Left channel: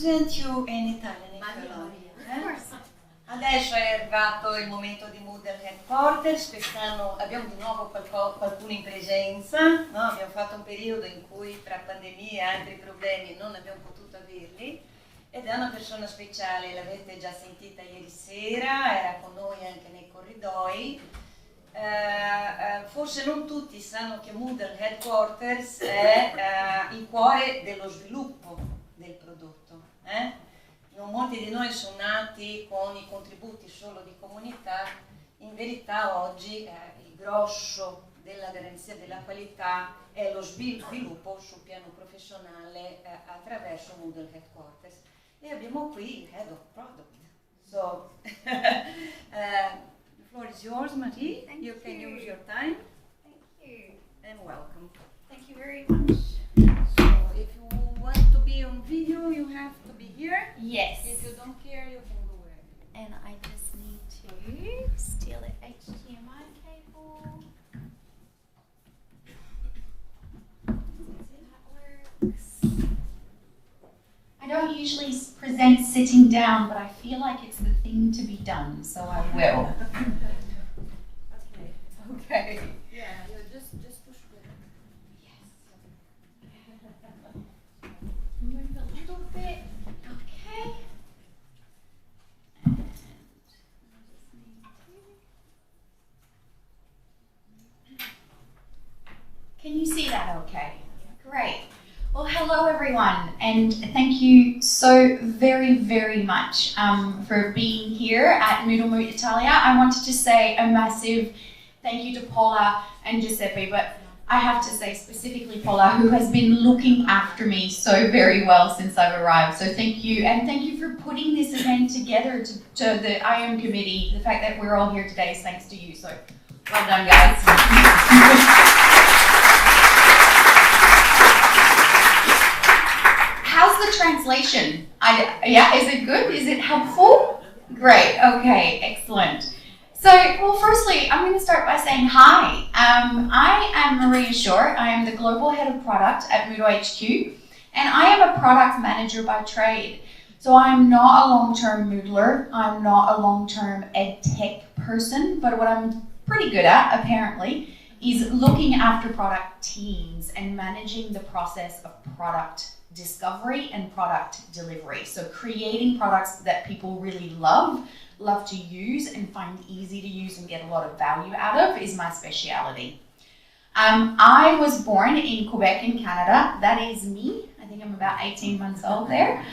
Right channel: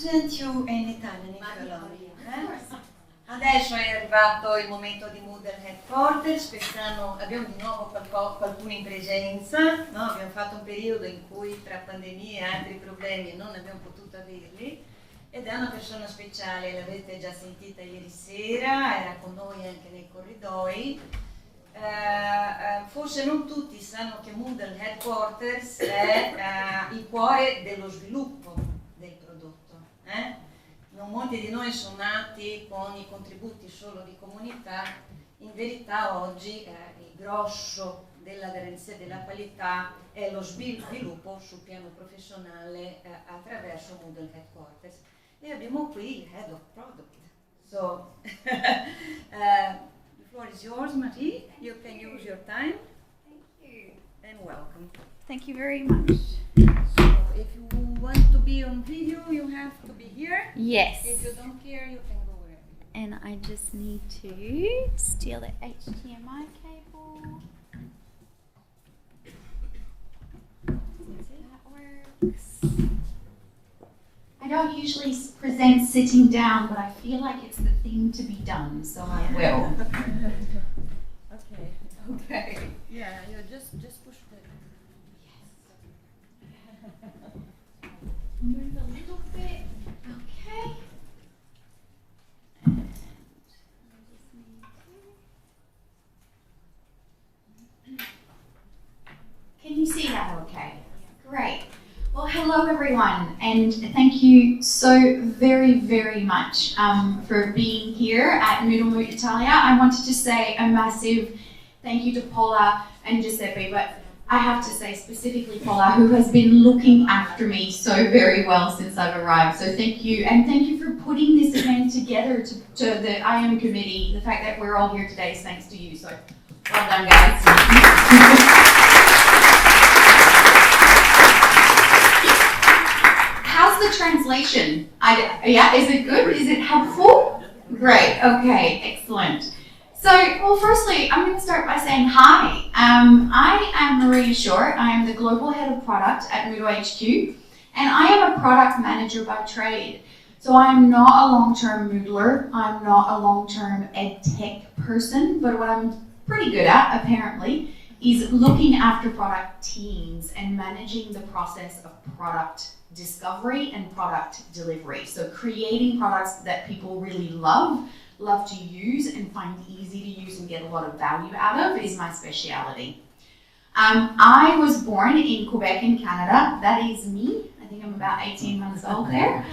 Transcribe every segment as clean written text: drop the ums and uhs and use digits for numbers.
present you in Italian, if you like. Adesso è arrivato il momento di Moodle Headquarters. Quest'anno abbiamo di nuovo qualcuno in presenza, no? Abbiamo fatto un periodo in cui tra pandemie e altri problemi non abbiamo potuto averli, ed è una persona speciale, l'avete già sentita ieri sera, era con noi anche nei corridoi. Forse non tutti sanno che Moodle Headquarters è il cuore dello sviluppo del prodotto. Non molti di noi sono nati con i contributi solo di comunità, in verità oggi il grosso della garanzia della qualità è lo sviluppo sul piano professionale attraverso Moodle Headquarters. E abbiamo qui il Head of Product. So, the floor is yours, Marie. You can use your time. Thank you. And welcome. Thank you very much. So, if you want to be on video, you have to be here. Yes. If you don't care, you can go wherever you want. And I just need to steal the HDMI cable. That works. I don't usually present sitting down, but I feel like it's the thing to be done, so I will. Okay. Yeah, you just push it. Move a little bit. Okay. And I just need to... Can you see that okay? Great. Well, hello everyone, and thank you so very, very much for being here at MoodleMoot Italia. I wanted to say a massive thank you to Paula and Giuseppe, but I have to say specifically Paula, who has been looking after me so very well since I've arrived. So thank you, and thank you for putting this event together to the IM committee. The fact that we're all here today is thanks to you, so well done guys. How's the translation? Yeah, is it good? Is it helpful? Great, okay, excellent. So, well, firstly, I'm going to start by saying hi. I am Maria Short. I am the Global Head of Product at MoodleHQ, and I am a product manager by trade. So I'm not a long-term Moodler. I'm not a long-term ed tech person, but what I'm pretty good at, apparently, is looking after product teams and managing the process of product discovery and product delivery. So creating products that people really love to use and find easy to use and get a lot of value out of is my speciality. I was born in Quebec in Canada. That is me. I think I'm about 18 months old there.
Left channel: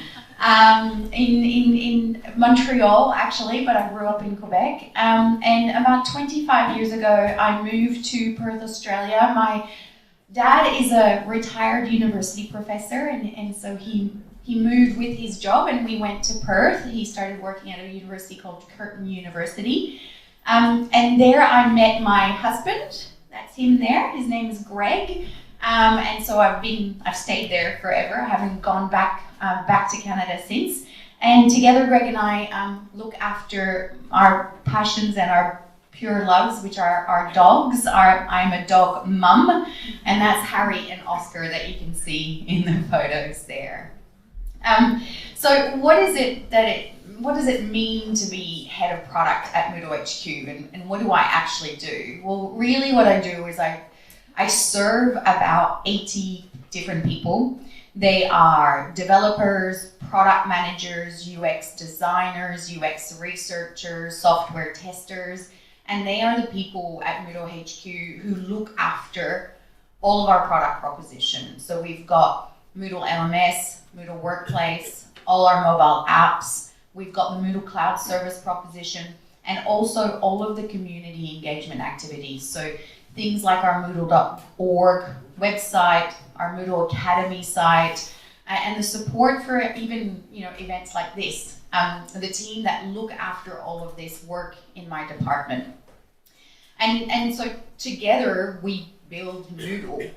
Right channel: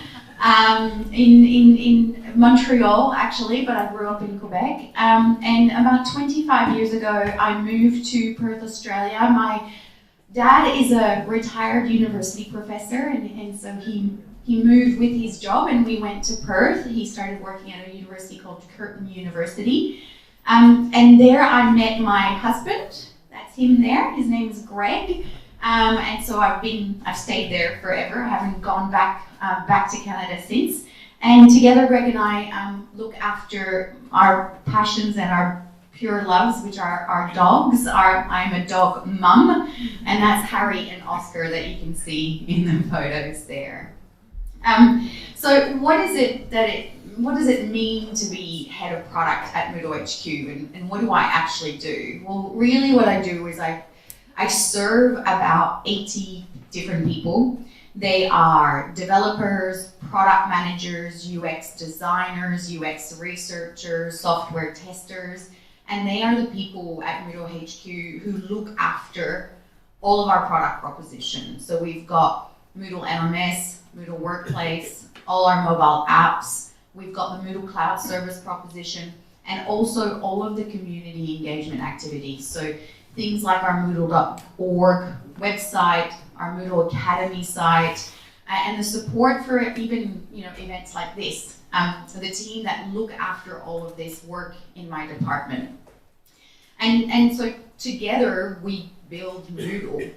In Montreal actually, but I grew up in Quebec. And about 25 years ago, I moved to Perth, Australia. My dad is a retired university professor, and so he moved with his job and we went to Perth. He started working at a university called Curtin University. And there I met my husband. That's him there. His name is Greg. And so I've stayed there forever. I haven't gone back to Canada since. And together Greg and I look after our passions and our pure loves, which are our dogs. I'm a dog mum, and that's Harry and Oscar that you can see in the photos there. So what does it mean to be head of product at MoodleHQ, and what do I actually do? Well, really what I do is I serve about 80 different people. They are developers, product managers, UX designers, UX researchers, software testers, and they are the people at MoodleHQ who look after all of our product propositions. So we've got Moodle LMS, Moodle Workplace, all our mobile apps. We've got the Moodle Cloud Service proposition, and also all of the community engagement activities. So things like our Moodle.org website, our Moodle Academy site, and the support for even events like this. The team that look after all of this work in my department. And so together we build Moodle.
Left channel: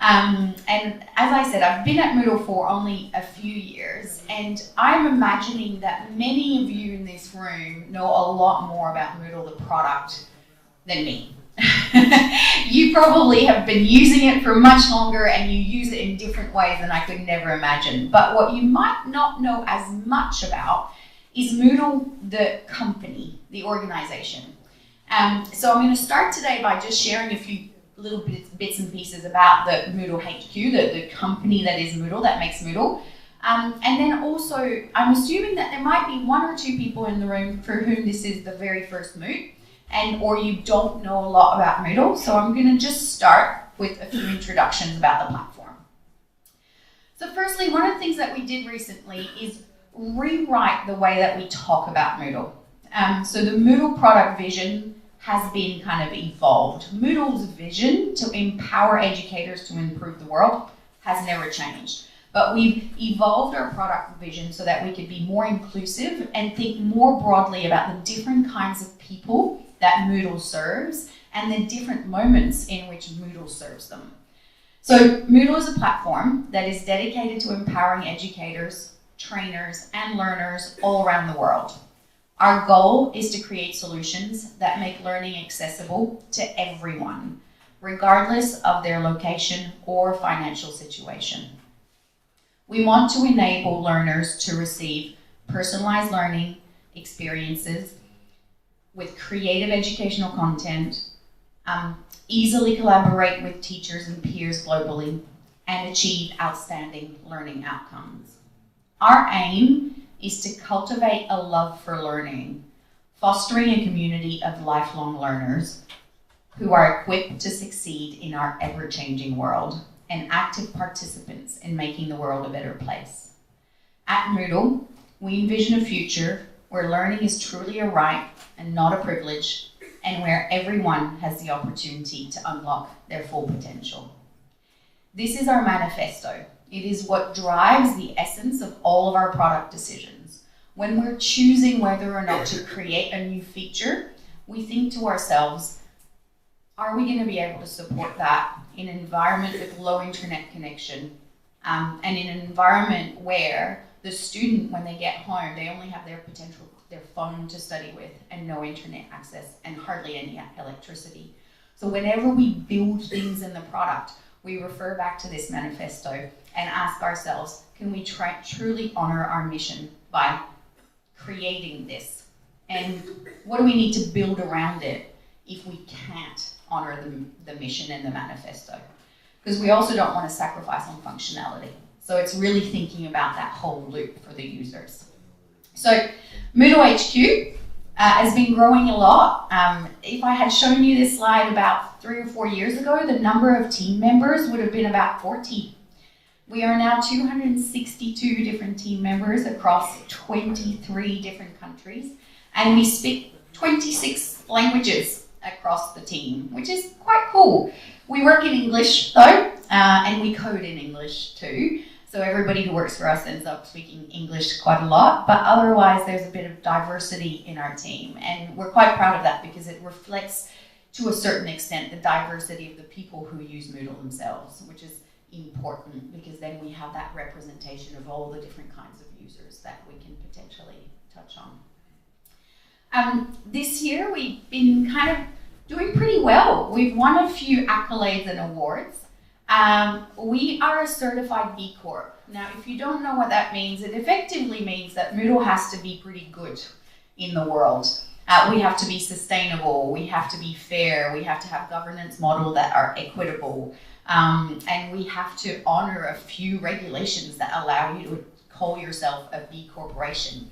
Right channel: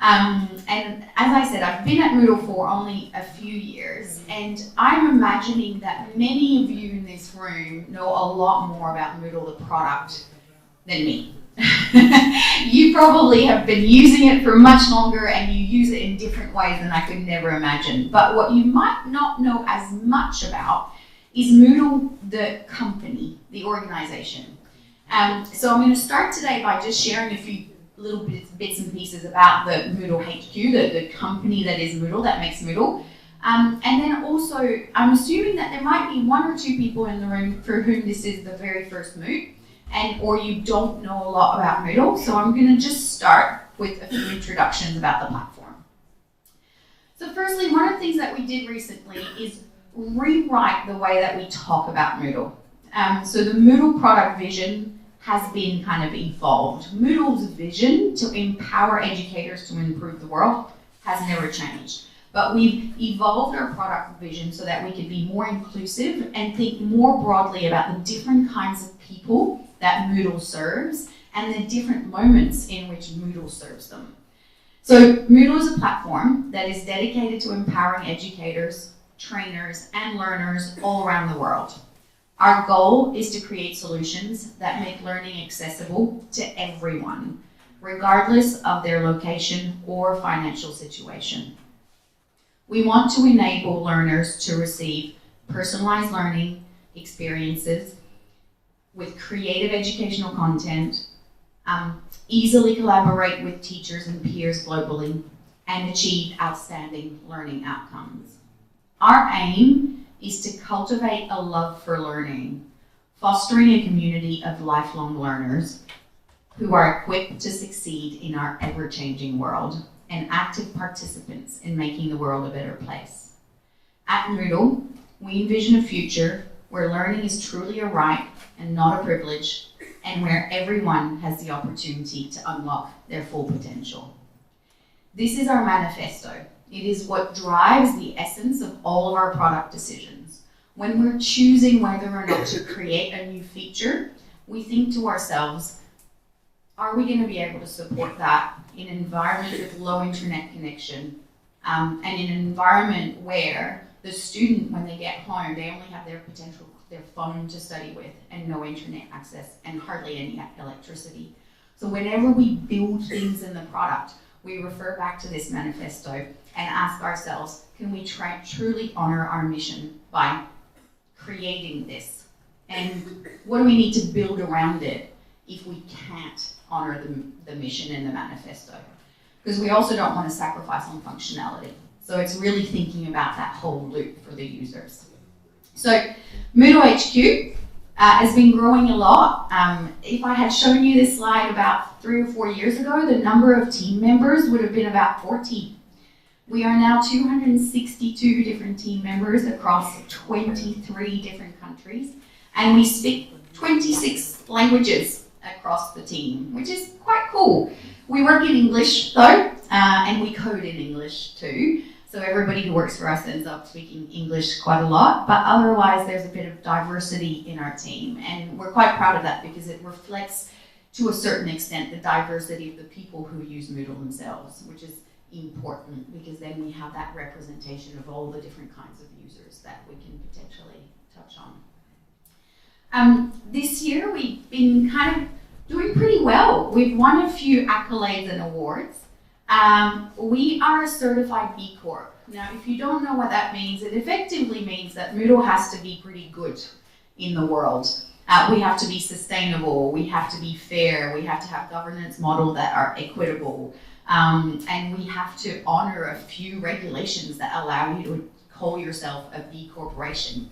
And as I said, I've been at Moodle for only a few years, and I'm imagining that many of you in this room know a lot more about Moodle the product than me. You probably have been using it for much longer and you use it in different ways than I could never imagine. But what you might not know as much about is Moodle, the company, the organization. So I'm going to start today by just sharing a few little bits and pieces about the MoodleHQ, the company that is Moodle, that makes Moodle. And then also, I'm assuming that there might be one or two people in the room for whom this is the very first Moot, or you don't know a lot about Moodle. So I'm going to just start with a few introductions about the platform. So firstly, one of the things that we did recently is rewrite the way that we talk about Moodle. So the Moodle Product Vision has been kind of evolved. Moodle's vision to empower educators to improve the world has never changed. But we've evolved our product vision so that we could be more inclusive and think more broadly about the different kinds of people that Moodle serves and the different moments in which Moodle serves them. So Moodle is a platform that is dedicated to empowering educators, trainers, and learners all around the world. Our goal is to create solutions that make learning accessible to everyone, regardless of their location or financial situation. We want to enable learners to receive personalized learning experiences with creative educational content, easily collaborate with teachers and peers globally, and achieve outstanding learning outcomes. Our aim is to cultivate a love for learning, fostering a community of lifelong learners who are equipped to succeed in our ever-changing world and active participants in making the world a better place. At Moodle, we envision a future where learning is truly a right and not a privilege, and where everyone has the opportunity to unlock their full potential. This is our manifesto. It is what drives the essence of all of our product decisions. When we're choosing whether or not to create a new feature, we think to ourselves, are we going to be able to support that in an environment with low internet connection, and in an environment where the student, when they get home, they only have their phone to study with and no internet access and hardly any electricity. So whenever we build things in the product, we refer back to this manifesto and ask ourselves, can we truly honor our mission by creating this? And what do we need to build around it if we can't honor the mission and the manifesto? Because we also don't want to sacrifice on functionality. So it's really thinking about that whole loop for the users. So MoodleHQ has been growing a lot. If I had shown you this slide about 3 or 4 years ago, the number of team members would have been about 40. We are now 262 different team members across 23 different countries, and we speak 26 languages across the team, which is quite cool. We work in English though, and we code in English too. So everybody who works for us ends up speaking English quite a lot, but otherwise there's a bit of diversity in our team, and we're quite proud of that because it reflects to a certain extent the diversity of the people who use Moodle themselves, which is important because then we have that representation of all the different kinds of users that we can potentially touch on. This year we've been kind of doing pretty well. We've won a few accolades and awards. We are a certified B Corp. Now, if you don't know what that means, it effectively means that Moodle has to be pretty good in the world. We have to be sustainable, we have to be fair, we have to have governance models that are equitable, and we have to honor a few regulations that allow you to call yourself a B Corporation.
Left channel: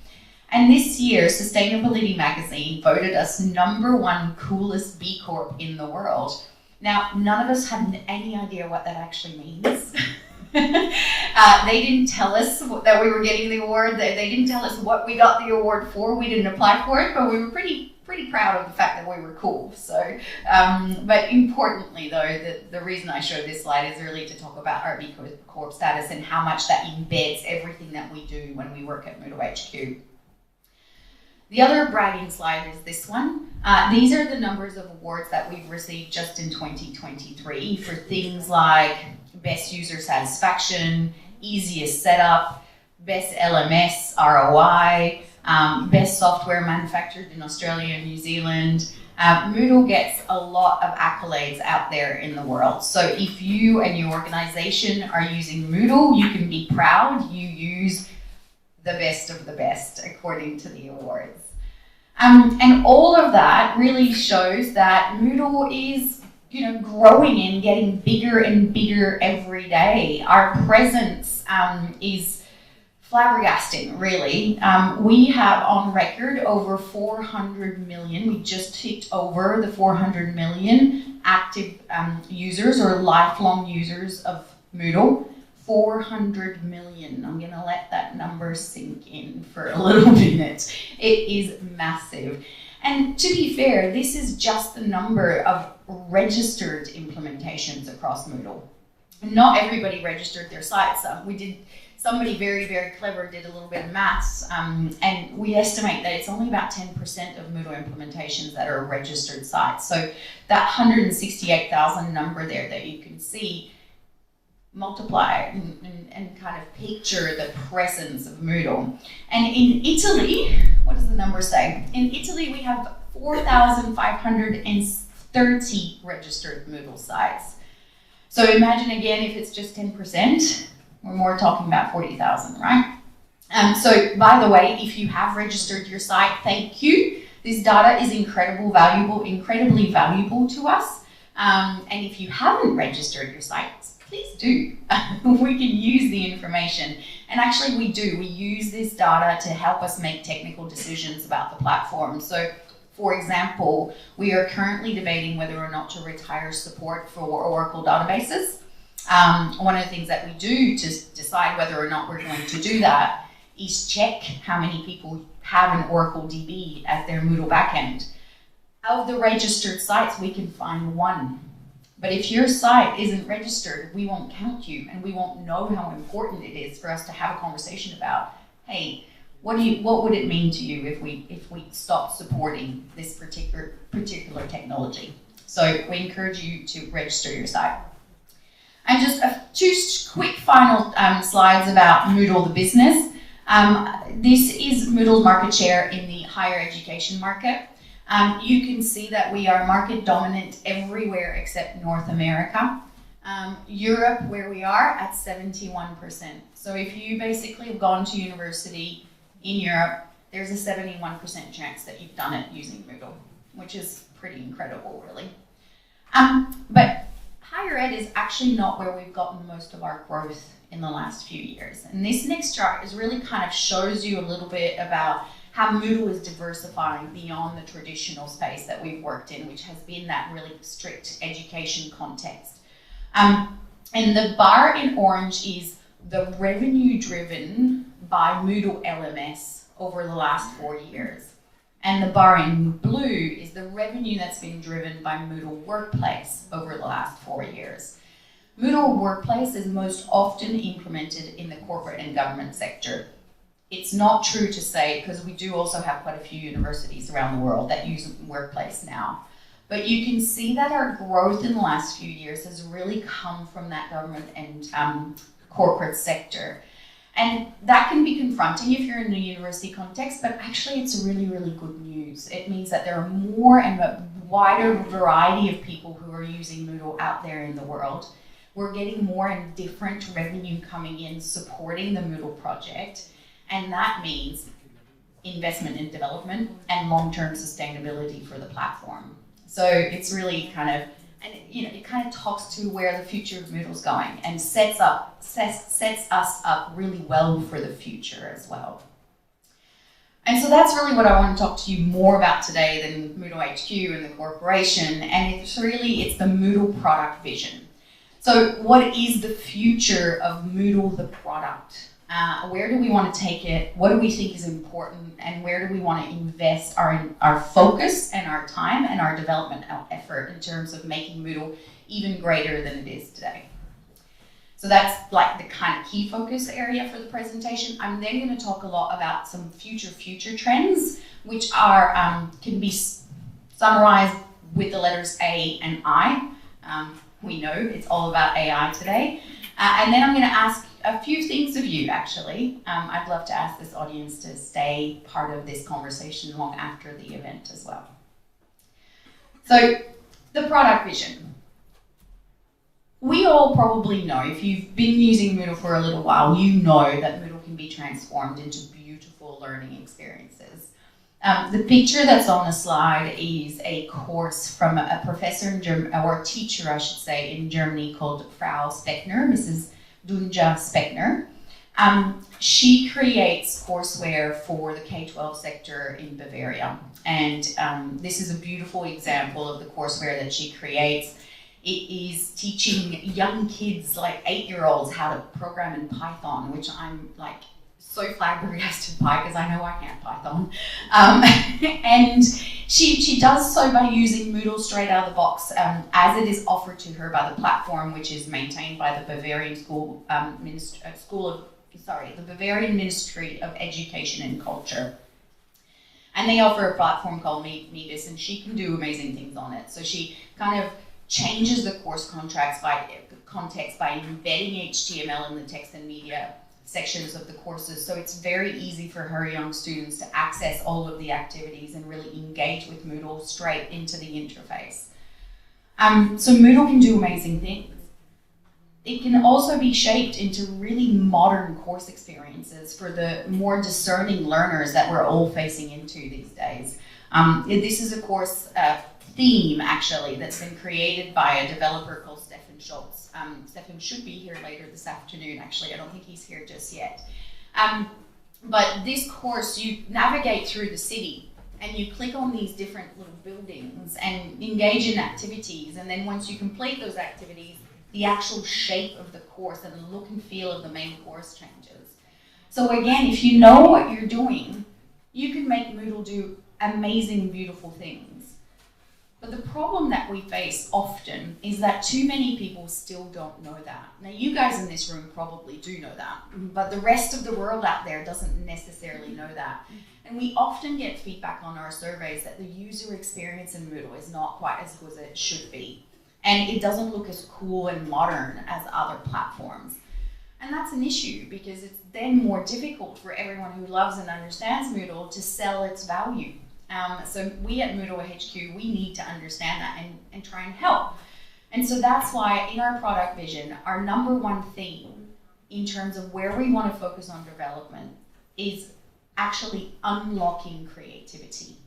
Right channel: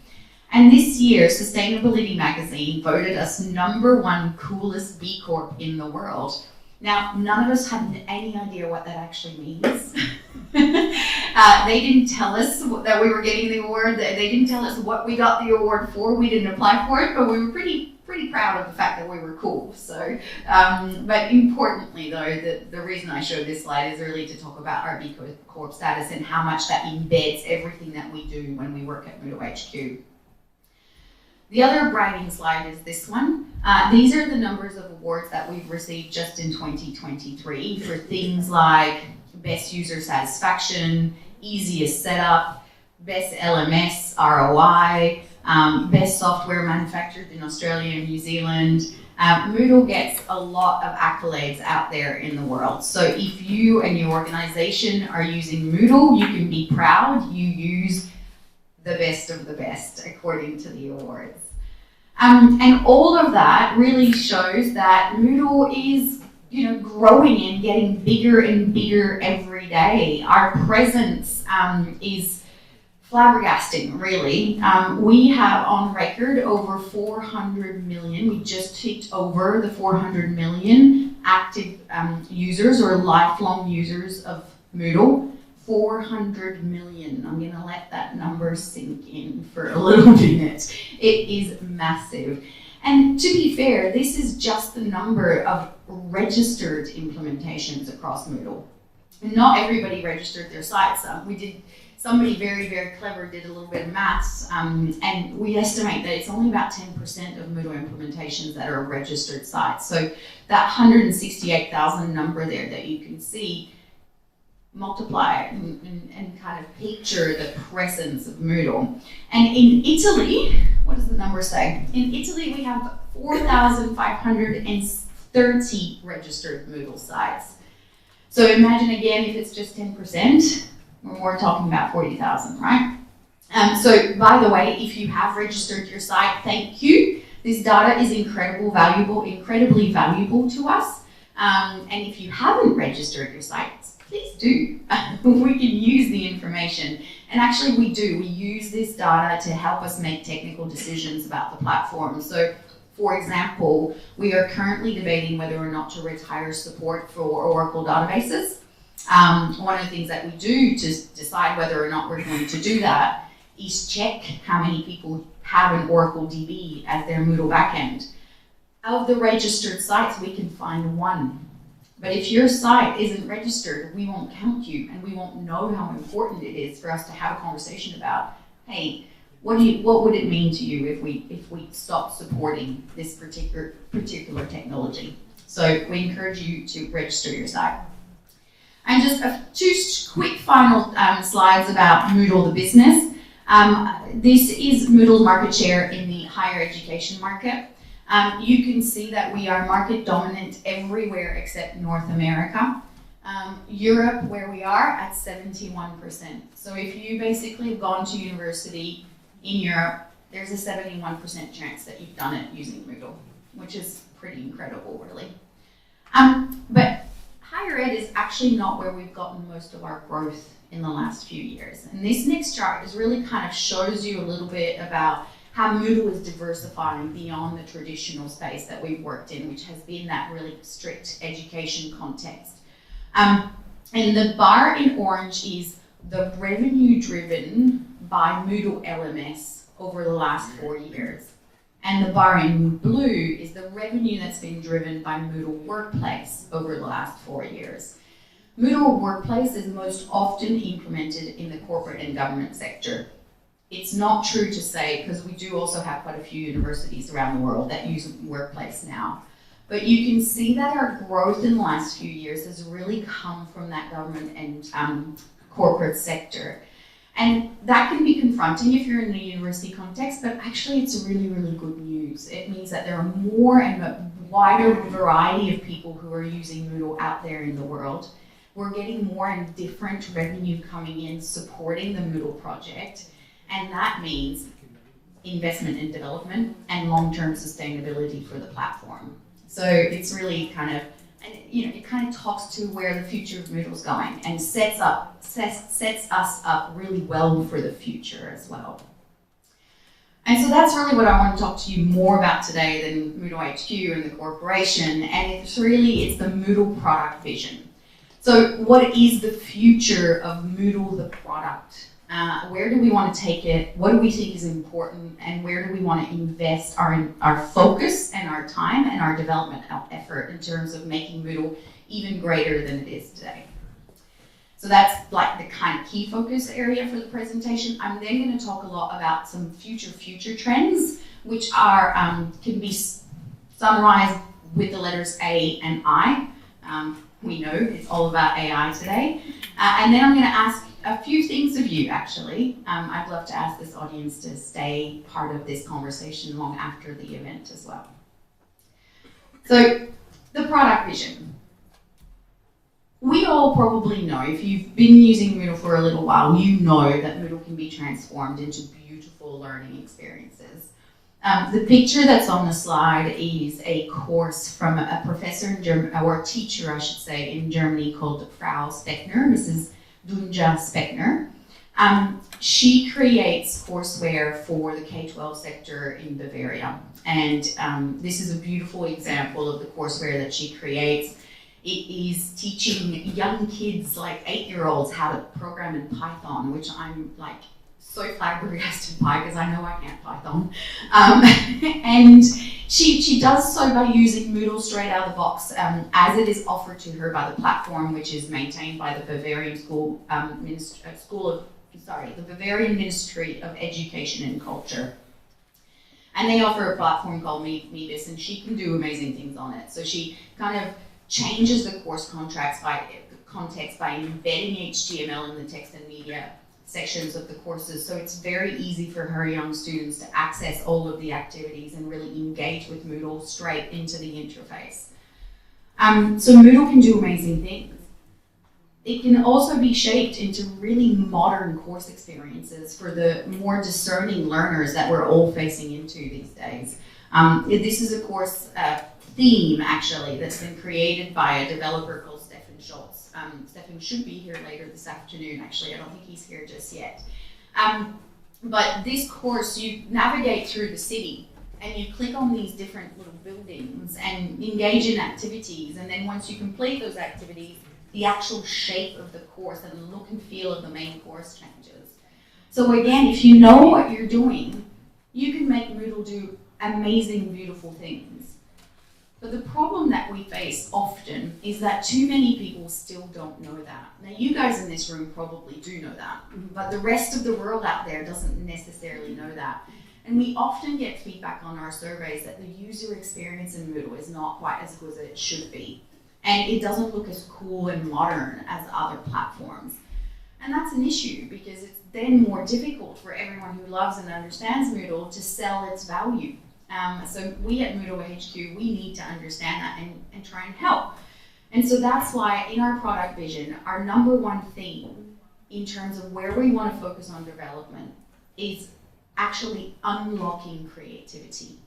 And this year, Sustainability Magazine voted us #1 coolest B Corp in the world. Now, none of us had any idea what that actually means. They didn't tell us that we were getting the award. They didn't tell us what we got the award for. We didn't apply for it, but we were pretty proud of the fact that we were cool. So, but importantly though, the reason I show this slide is really to talk about our B Corp status and how much that embeds everything that we do when we work at MoodleHQ. The other bragging slide is this one. These are the numbers of awards that we've received just in 2023 for things like Best User Satisfaction, Easiest Setup, Best LMS ROI, best software manufactured in Australia and New Zealand. Moodle gets a lot of accolades out there in the world. So if you and your organization are using Moodle, you can be proud you use the best of the best according to the awards. And all of that really shows that Moodle is growing and getting bigger and bigger every day. Our presence is flabbergasting, really. We have on record over 400 million. We just ticked over the 400 million active users or lifelong users of Moodle. 400 million. I'm going to let that number sink in for a little minute. It is massive. And to be fair, this is just the number of registered implementations across Moodle. Not everybody registered their sites. Somebody very, very clever did a little bit of maths, and we estimate that it's only about 10% of Moodle implementations that are registered sites. So that 168,000 number there that you can see, multiply it and kind of picture the presence of Moodle. And in Italy, what does the number say? In Italy, we have 4,530 registered Moodle sites. So imagine again, if it's just 10%, we're more talking about 40,000, right? So by the way, if you have registered your site, thank you. This data is incredibly valuable to us. And if you haven't registered your sites, please do. We can use the information. And actually we do. We use this data to help us make technical decisions about the platform. So for example, we are currently debating whether or not to retire support for Oracle databases. One of the things that we do to decide whether or not we're going to do that is check how many people have an Oracle DB as their Moodle backend. Of the registered sites, we can find one. But if your site isn't registered, we won't count you, and we won't know how important it is for us to have a conversation about, hey, what would it mean to you if we stop supporting this particular technology? So we encourage you to register your site. And just two quick final slides about Moodle the business. This is Moodle's market share in the higher education market. You can see that we are market dominant everywhere except North America. Europe, where we are, at 71%. So if you basically have gone to university in Europe, there's a 71% chance that you've done it using Moodle, which is pretty incredible, really. But higher ed is actually not where we've gotten most of our growth in the last few years. And this next chart is really kind of shows you a little bit about how Moodle is diversifying beyond the traditional space that we've worked in, which has been that really strict education context. And the bar in orange is the revenue driven by Moodle LMS over the last 4 years. And the bar in blue is the revenue that's been driven by Moodle Workplace over the last 4 years. Moodle Workplace is most often implemented in the corporate and government sector. It's not true to say, because we do also have quite a few universities around the world that use Workplace now. But you can see that our growth in the last few years has really come from that government and corporate sector. And that can be confronting if you're in a university context, but actually it's really, really good news. It means that there are more and a wider variety of people who are using Moodle out there in the world. We're getting more and different revenue coming in supporting the Moodle project. And that means investment in development and long-term sustainability for the platform. So it's really kind of, and it kind of talks to where the future of Moodle is going and sets us up really well for the future as well. And so that's really what I want to talk to you more about today than MoodleHQ and the corporation. And it's the Moodle Product Vision. So what is the future of Moodle the product? Where do we want to take it? What do we think is important? And where do we want to invest our focus and our time and our development effort in terms of making Moodle even greater than it is today? So that's like the kind of key focus area for the presentation. I'm then going to talk a lot about some future trends, which are can be summarized with the letters A and I. We know it's all about AI today. And then I'm going to a few things of you, actually. I'd love to ask this audience to stay part of this conversation long after the event as well. So, the product vision. We all probably know, if you've been using Moodle for a little while, you know that Moodle can be transformed into beautiful learning experiences. The picture that's on the slide is a course from a professor in Germany, or a teacher, I should say, in Germany called Frau Speckner, Mrs. Dunja Speckner. She creates courseware for the K-12 sector in Bavaria. And this is a beautiful example of the courseware that she creates. It is teaching young kids, like 8-year-olds, how to program in Python, which I'm like so flabbergasted by because I know I can't Python. And she does so by using Moodle straight out of the box, as it is offered to her by the platform, which is maintained by the Bavarian the Bavarian Ministry of Education and Culture. And they offer a platform called Paves, and she can do amazing things on it. So she kind of changes the course context by embedding HTML in the text and media sections of the courses, so it's very easy for her young students to access all of the activities and really engage with Moodle straight into the interface. So Moodle can do amazing things. It can also be shaped into really modern course experiences for the more discerning learners that we're all facing into these days. This is a course theme, actually, that's been created by a developer called Schultz. Stefan should be here later this afternoon, actually. I don't think he's here just yet. But this course, you navigate through the city and you click on these different little buildings and engage in activities. And then once you complete those activities, the actual shape of the course and the look and feel of the main course changes. So again, if you know what you're doing, you can make Moodle do amazing, beautiful things. But the problem that we face often is that too many people still don't know that. Now, you guys in this room probably do know that, but the rest of the world out there doesn't necessarily know that. And we often get feedback on our surveys that the user experience in Moodle is not quite as good as it should be. And it doesn't look as cool and modern as other platforms. And that's an issue because it's then more difficult for everyone who loves and understands Moodle to sell its value. So we at MoodleHQ, we need to understand that and try and help. And so that's why in our product vision, our number one theme in terms of where we want to focus on development is actually unlocking creativity.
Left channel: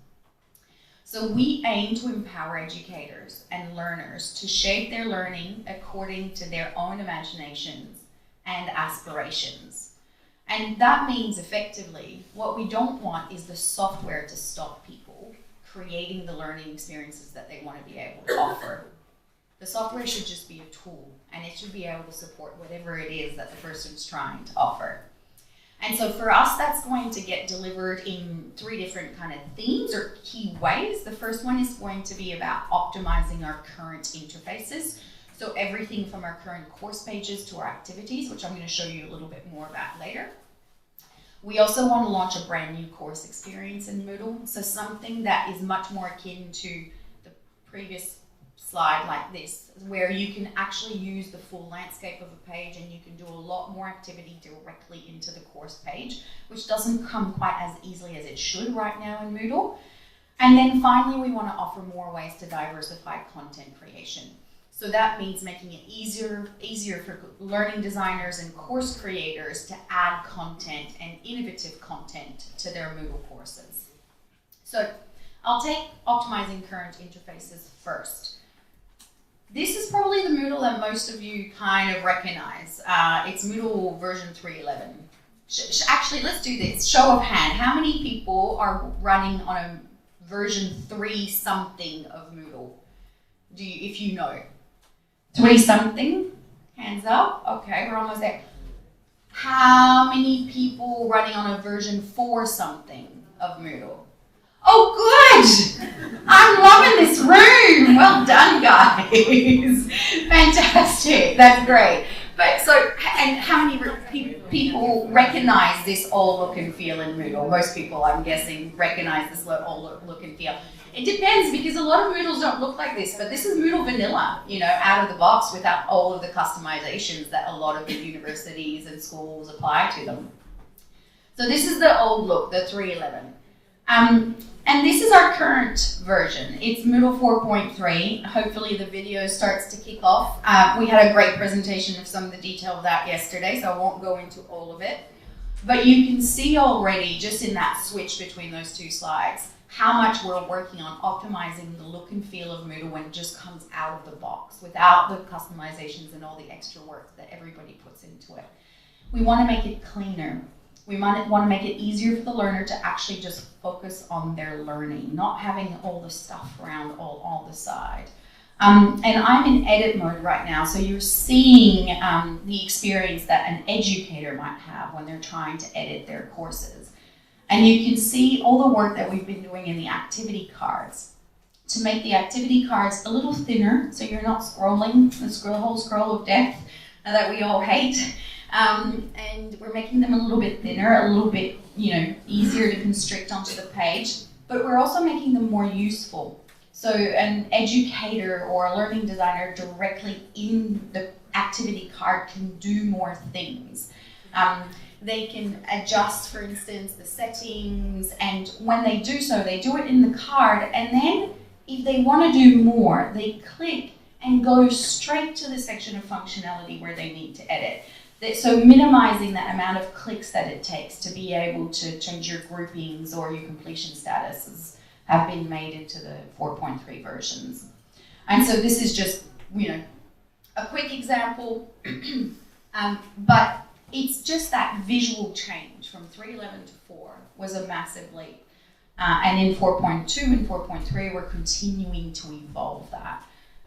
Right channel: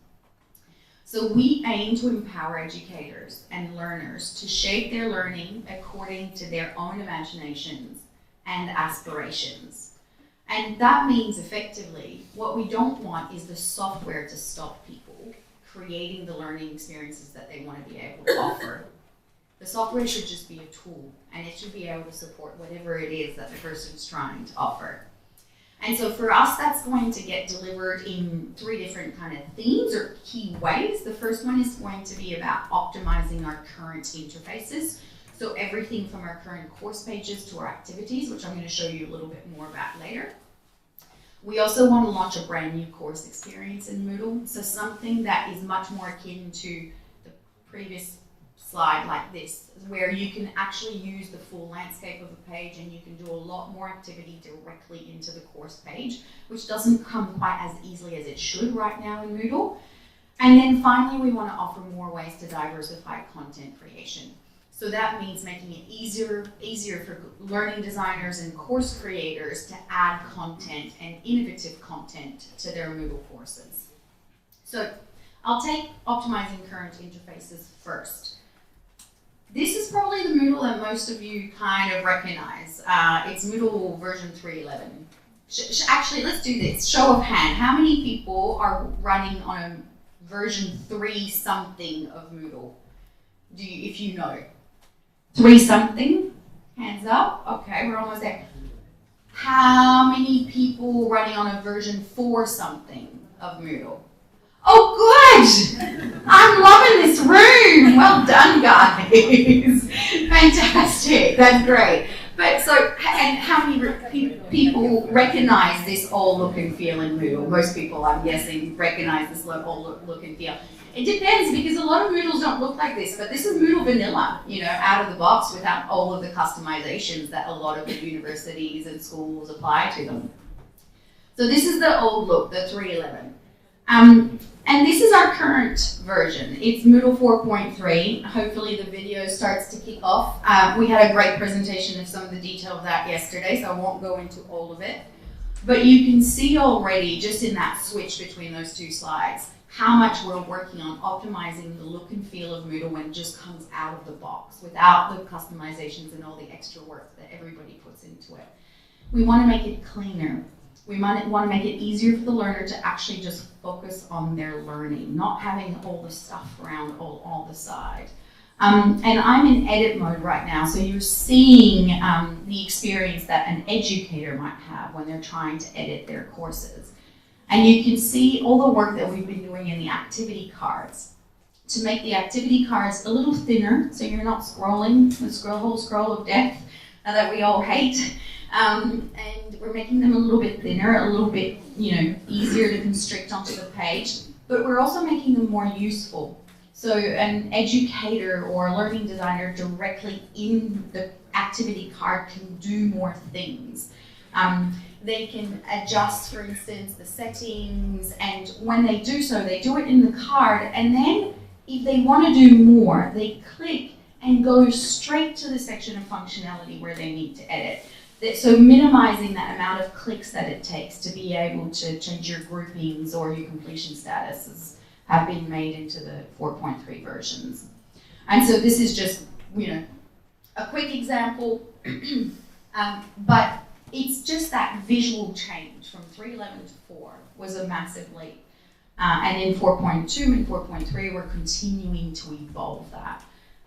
So we aim to empower educators and learners to shape their learning according to their own imaginations and aspirations. And that means effectively, what we don't want is the software to stop people creating the learning experiences that they want to be able to offer. The software should just be a tool, and it should be able to support whatever it is that the person's trying to offer. And so for us, that's going to get delivered in 3 different kind of themes or key ways. The first one is going to be about optimizing our current interfaces. So everything from our current course pages to our activities, which I'm going to show you a little bit more about later. We also want to launch a brand new course experience in Moodle. So something that is much more akin to the previous slide like this, where you can actually use the full landscape of a page and you can do a lot more activity directly into the course page, which doesn't come quite as easily as it should right now in Moodle. And then finally, we want to offer more ways to diversify content creation. So that means making it easier for learning designers and course creators to add content and innovative content to their Moodle courses. So I'll take optimizing current interfaces first. This is probably the Moodle that most of you kind of recognize. It's Moodle version 3.11. Actually, let's do this. Show of hand. How many people are running on a version 3 something of Moodle? If you know? 3 something? Hands up. Okay, we're almost there. How many people running on a version 4 something of Moodle? Oh, good! I'm loving this room. Well done, guys. Fantastic. That's great. But so, and how many people recognize this all look and feel in Moodle? Most people, I'm guessing, recognize this all look and feel. It depends, because a lot of Moodles don't look like this, but this is Moodle vanilla, you know, out of the box without all of the customizations that a lot of the universities and schools apply to them. So this is the old look, the 3.11. And this is our current version. It's Moodle 4.3. Hopefully the video starts to kick off. We had a great presentation of some of the detail of that yesterday, so I won't go into all of it. But you can see already, just in that switch between those two slides, how much we're working on optimizing the look and feel of Moodle when it just comes out of the box, without the customizations and all the extra work that everybody puts into it. We want to make it cleaner. We might want to make it easier for the learner to actually just focus on their learning, not having all the stuff around all the side. And I'm in edit mode right now, so you're seeing the experience that an educator might have when they're trying to edit their courses. And you can see all the work that we've been doing in the activity cards to make the activity cards a little thinner, so you're not scrolling the whole scroll of death that we all hate. And we're making them a little bit thinner, a little bit, you know, easier to constrict onto the page, but we're also making them more useful. So an educator or a learning designer directly in the activity card can do more things. They can adjust, for instance, the settings, and when they do so, they do it in the card, and then if they want to do more, they click and go straight to the section of functionality where they need to edit. So minimizing that amount of clicks that it takes to be able to change your groupings or your completion statuses have been made into the 4.3 versions. And so this is just, you know, a quick example, but it's just that visual change from 3.11 to 4 was a massive leap. And in 4.2 and 4.3, we're continuing to evolve that.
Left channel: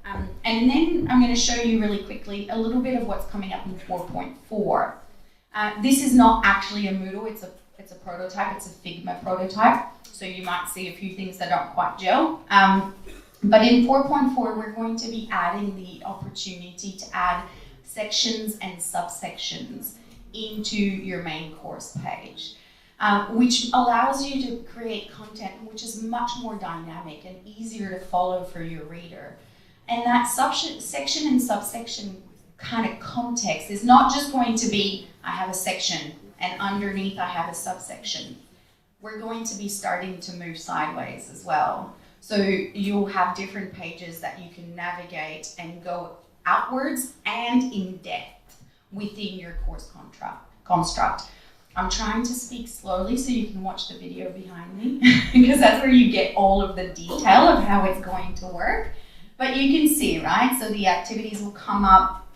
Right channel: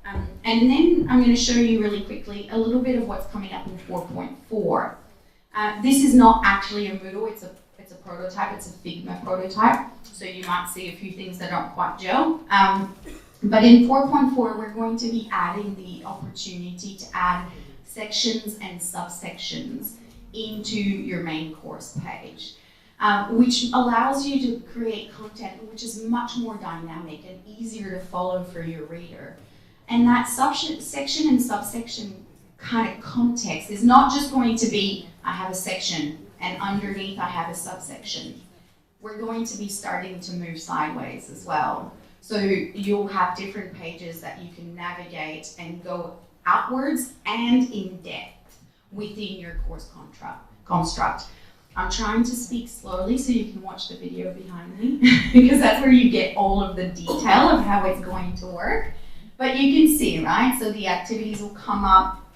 And then I'm going to show you really quickly a little bit of what's coming up in 4.4. This is not actually a Moodle, it's a prototype, it's a Figma prototype, so you might see a few things that don't quite gel. But in 4.4, we're going to be adding the opportunity to add sections and subsections into your main course page, which allows you to create content which is much more dynamic and easier to follow for your reader. And that section and subsection kind of context is not just going to be, I have a section and underneath I have a subsection. We're going to be starting to move sideways as well. So you'll have different pages that you can navigate and go outwards and in depth within your course construct. I'm trying to speak slowly so you can watch the video behind me because that's where you get all of the detail of how it's going to work. But you can see, right? So the activities will come up,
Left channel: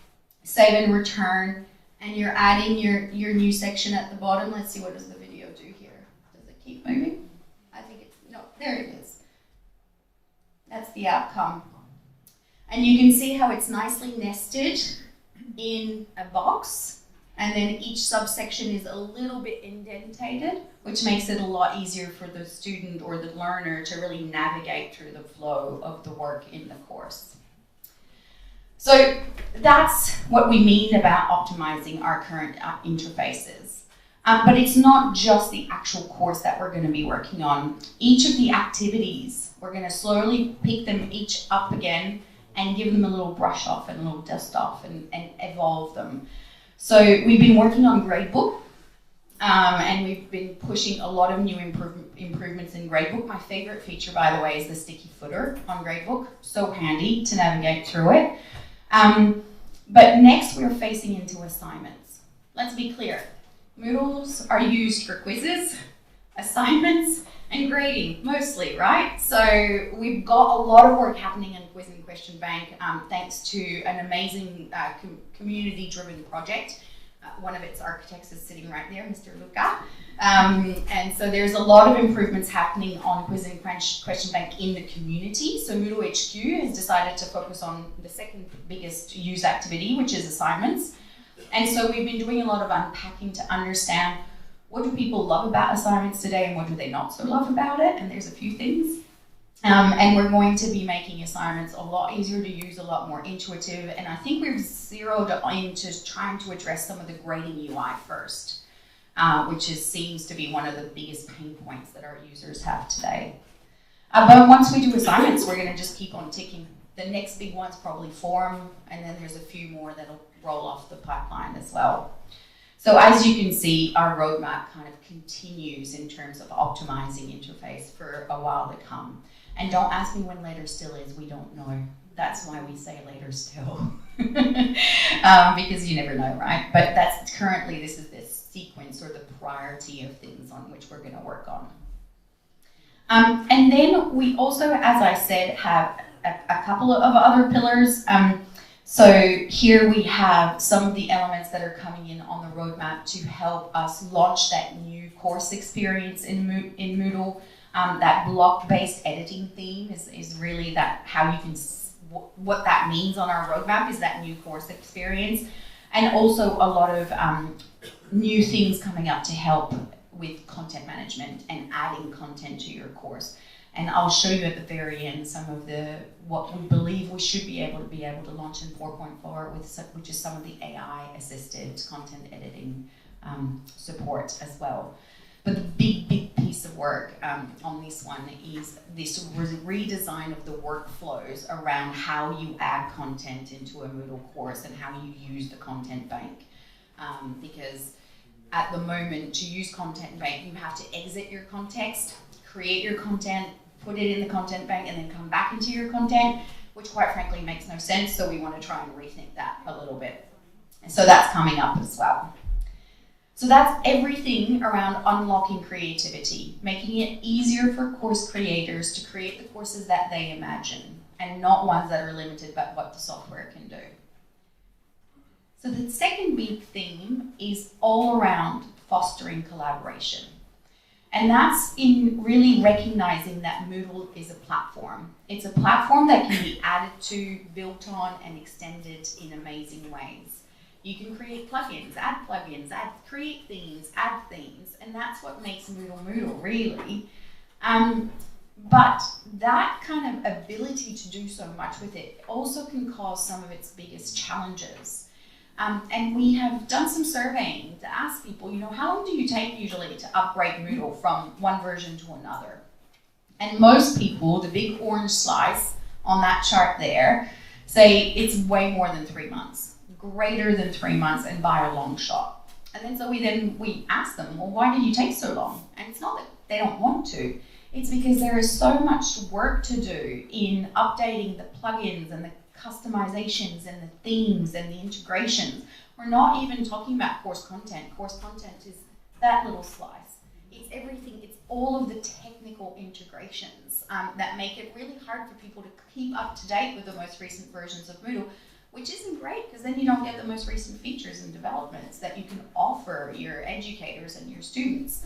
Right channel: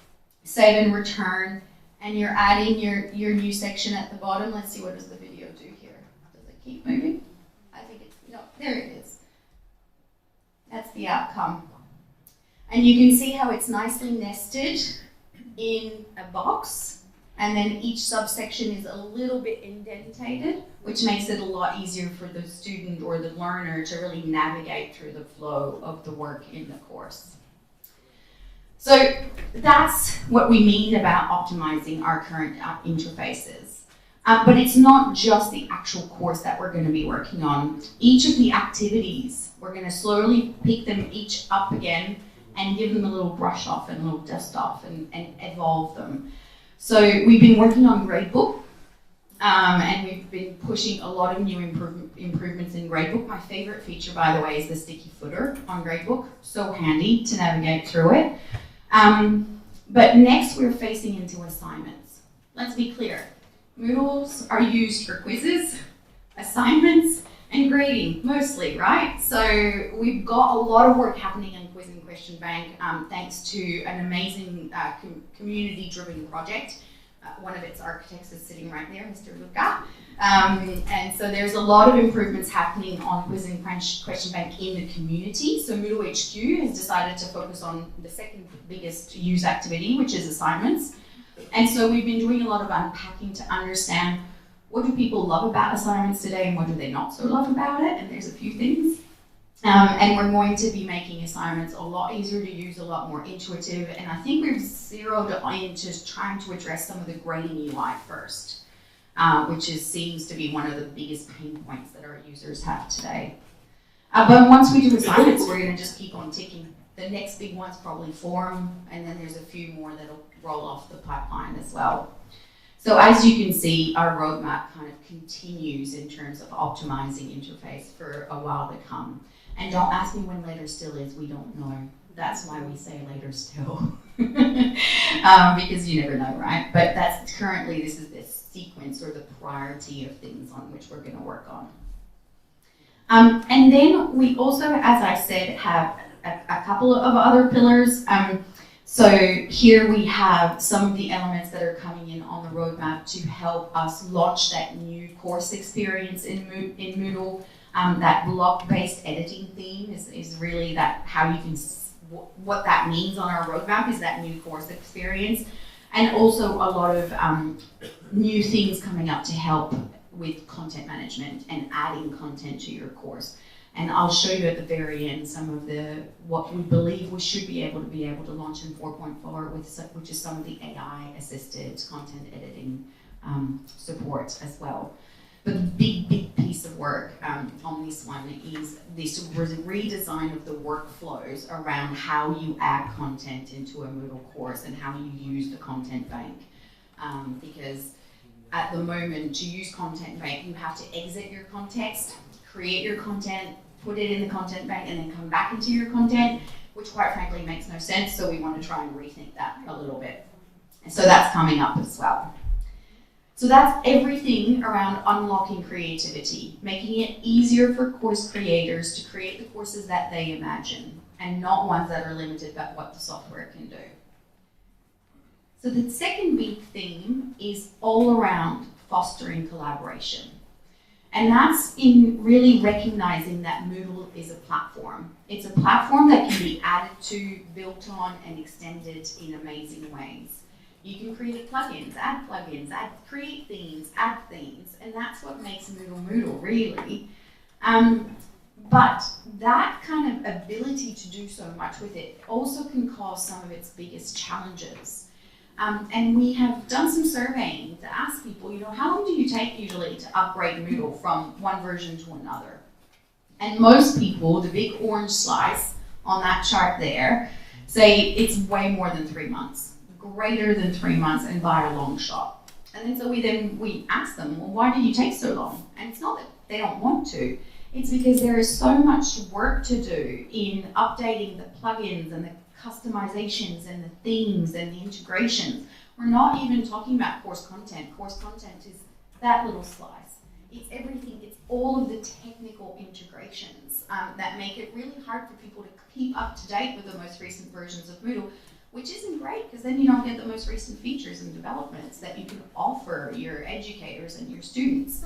save and return, and you're adding your new section at the bottom. Let's see, what does the video do here? Does it keep moving? I think it's, no, there it is. That's the outcome. And you can see how it's nicely nested in a box, and then each subsection is a little bit indentated, which makes it a lot easier for the student or the learner to really navigate through the flow of the work in the course. So that's what we mean about optimizing our current interfaces. But it's not just the actual course that we're going to be working on. Each of the activities, we're going to slowly pick them each up again and give them a little brush off and a little dust off and evolve them. So we've been working on Gradebook, and we've been pushing a lot of new improvements in Gradebook. My favorite feature, by the way, is the sticky footer on Gradebook. So handy to navigate through it. But next we're facing into assignments. Let's be clear. Moodles are used for quizzes, assignments, and grading, mostly, right? So we've got a lot of work happening in Quiz and Question Bank, thanks to an amazing community-driven project. One of its architects is sitting right there, Mr. Luca. And so there's a lot of improvements happening on Quiz and Question Bank in the community. So MoodleHQ has decided to focus on the second biggest use activity, which is assignments. And so we've been doing a lot of unpacking to understand what do people love about assignments today and what do they not so love about it? And there's a few things. And we're going to be making assignments a lot easier to use, a lot more intuitive. And I think we've zeroed into trying to address some of the grading UI first, which seems to be one of the biggest pain points that our users have today. But once we do assignments, we're going to just keep on ticking. The next big one's probably forum, and then there's a few more that'll roll off the pipeline as well. So as you can see, our roadmap kind of continues in terms of optimizing interface for a while to come. And don't ask me when later still is, we don't know. That's why we say later still. Because you never know, right? But that's currently, this is the sequence or the priority of things on which we're going to work on. And then we also, as I said, have a couple of other pillars. So here we have some of the elements that are coming in on the roadmap to help us launch that new course experience in Moodle. That block-based editing theme is really that how you can, what that means on our roadmap is that new course experience. And also a lot of new things coming up to help with content management and adding content to your course. And I'll show you at the very end some of what we believe we should be able to launch in 4.4 which is some of the AI-assisted content editing support as well. But the big piece of work on this one is this redesign of the workflows around how you add content into a Moodle course and how you use the content bank. Because at the moment, to use content bank, you have to exit your context, create your content, put it in the content bank, and then come back into your content, which quite frankly makes no sense, so we want to try and rethink that a little bit. And so that's coming up as well. So that's everything around unlocking creativity, making it easier for course creators to create the courses that they imagine, and not ones that are limited by what the software can do. So the second big theme is all around fostering collaboration. And that's in really recognizing that Moodle is a platform. It's a platform that can be added to, built on, and extended in amazing ways. You can create plugins, create themes, add themes, and that's what makes Moodle, really. But that kind of ability to do so much with it also can cause some of its biggest challenges. And we have done some surveying to ask people, how long do you take usually to upgrade Moodle from one version to another? And most people, the big orange slice on that chart there, say it's way more than 3 months, greater than 3 months, and by a long shot. And then so we ask them, well, why did you take so long? And it's not that they don't want to, it's because there is so much work to do in updating the plugins and the customizations and the themes and the integrations. We're not even talking about course content. Course content is that little slice. It's everything. It's all of the technical integrations that make it really hard for people to keep up to date with the most recent versions of Moodle, which isn't great because then you don't get the most recent features and developments that you can offer your educators and your students.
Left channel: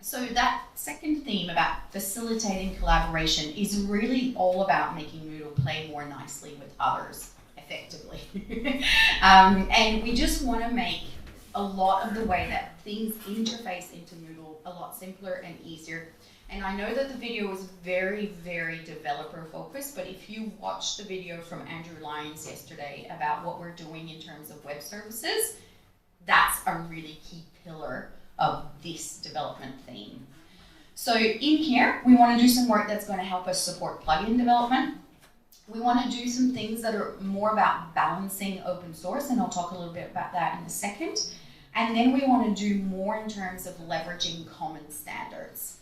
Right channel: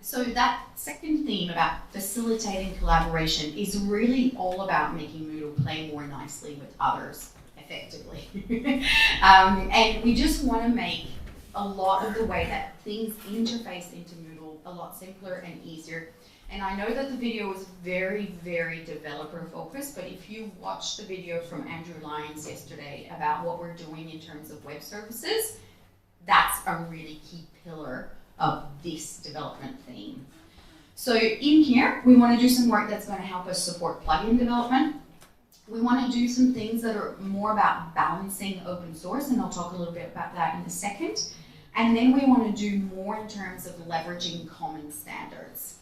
So that second theme about facilitating collaboration is really all about making Moodle play more nicely with others effectively. And we just want to make a lot of the way that things interface into Moodle a lot simpler and easier. And I know that the video was very, very developer focused, but if you watched the video from Andrew Lyons yesterday about what we're doing in terms of web services, that's a really key pillar of this development theme. So in here, we want to do some work that's going to help us support plugin development. We want to do some things that are more about balancing open source, and I'll talk a little bit about that in a second. And then we want to do more in terms of leveraging common standards.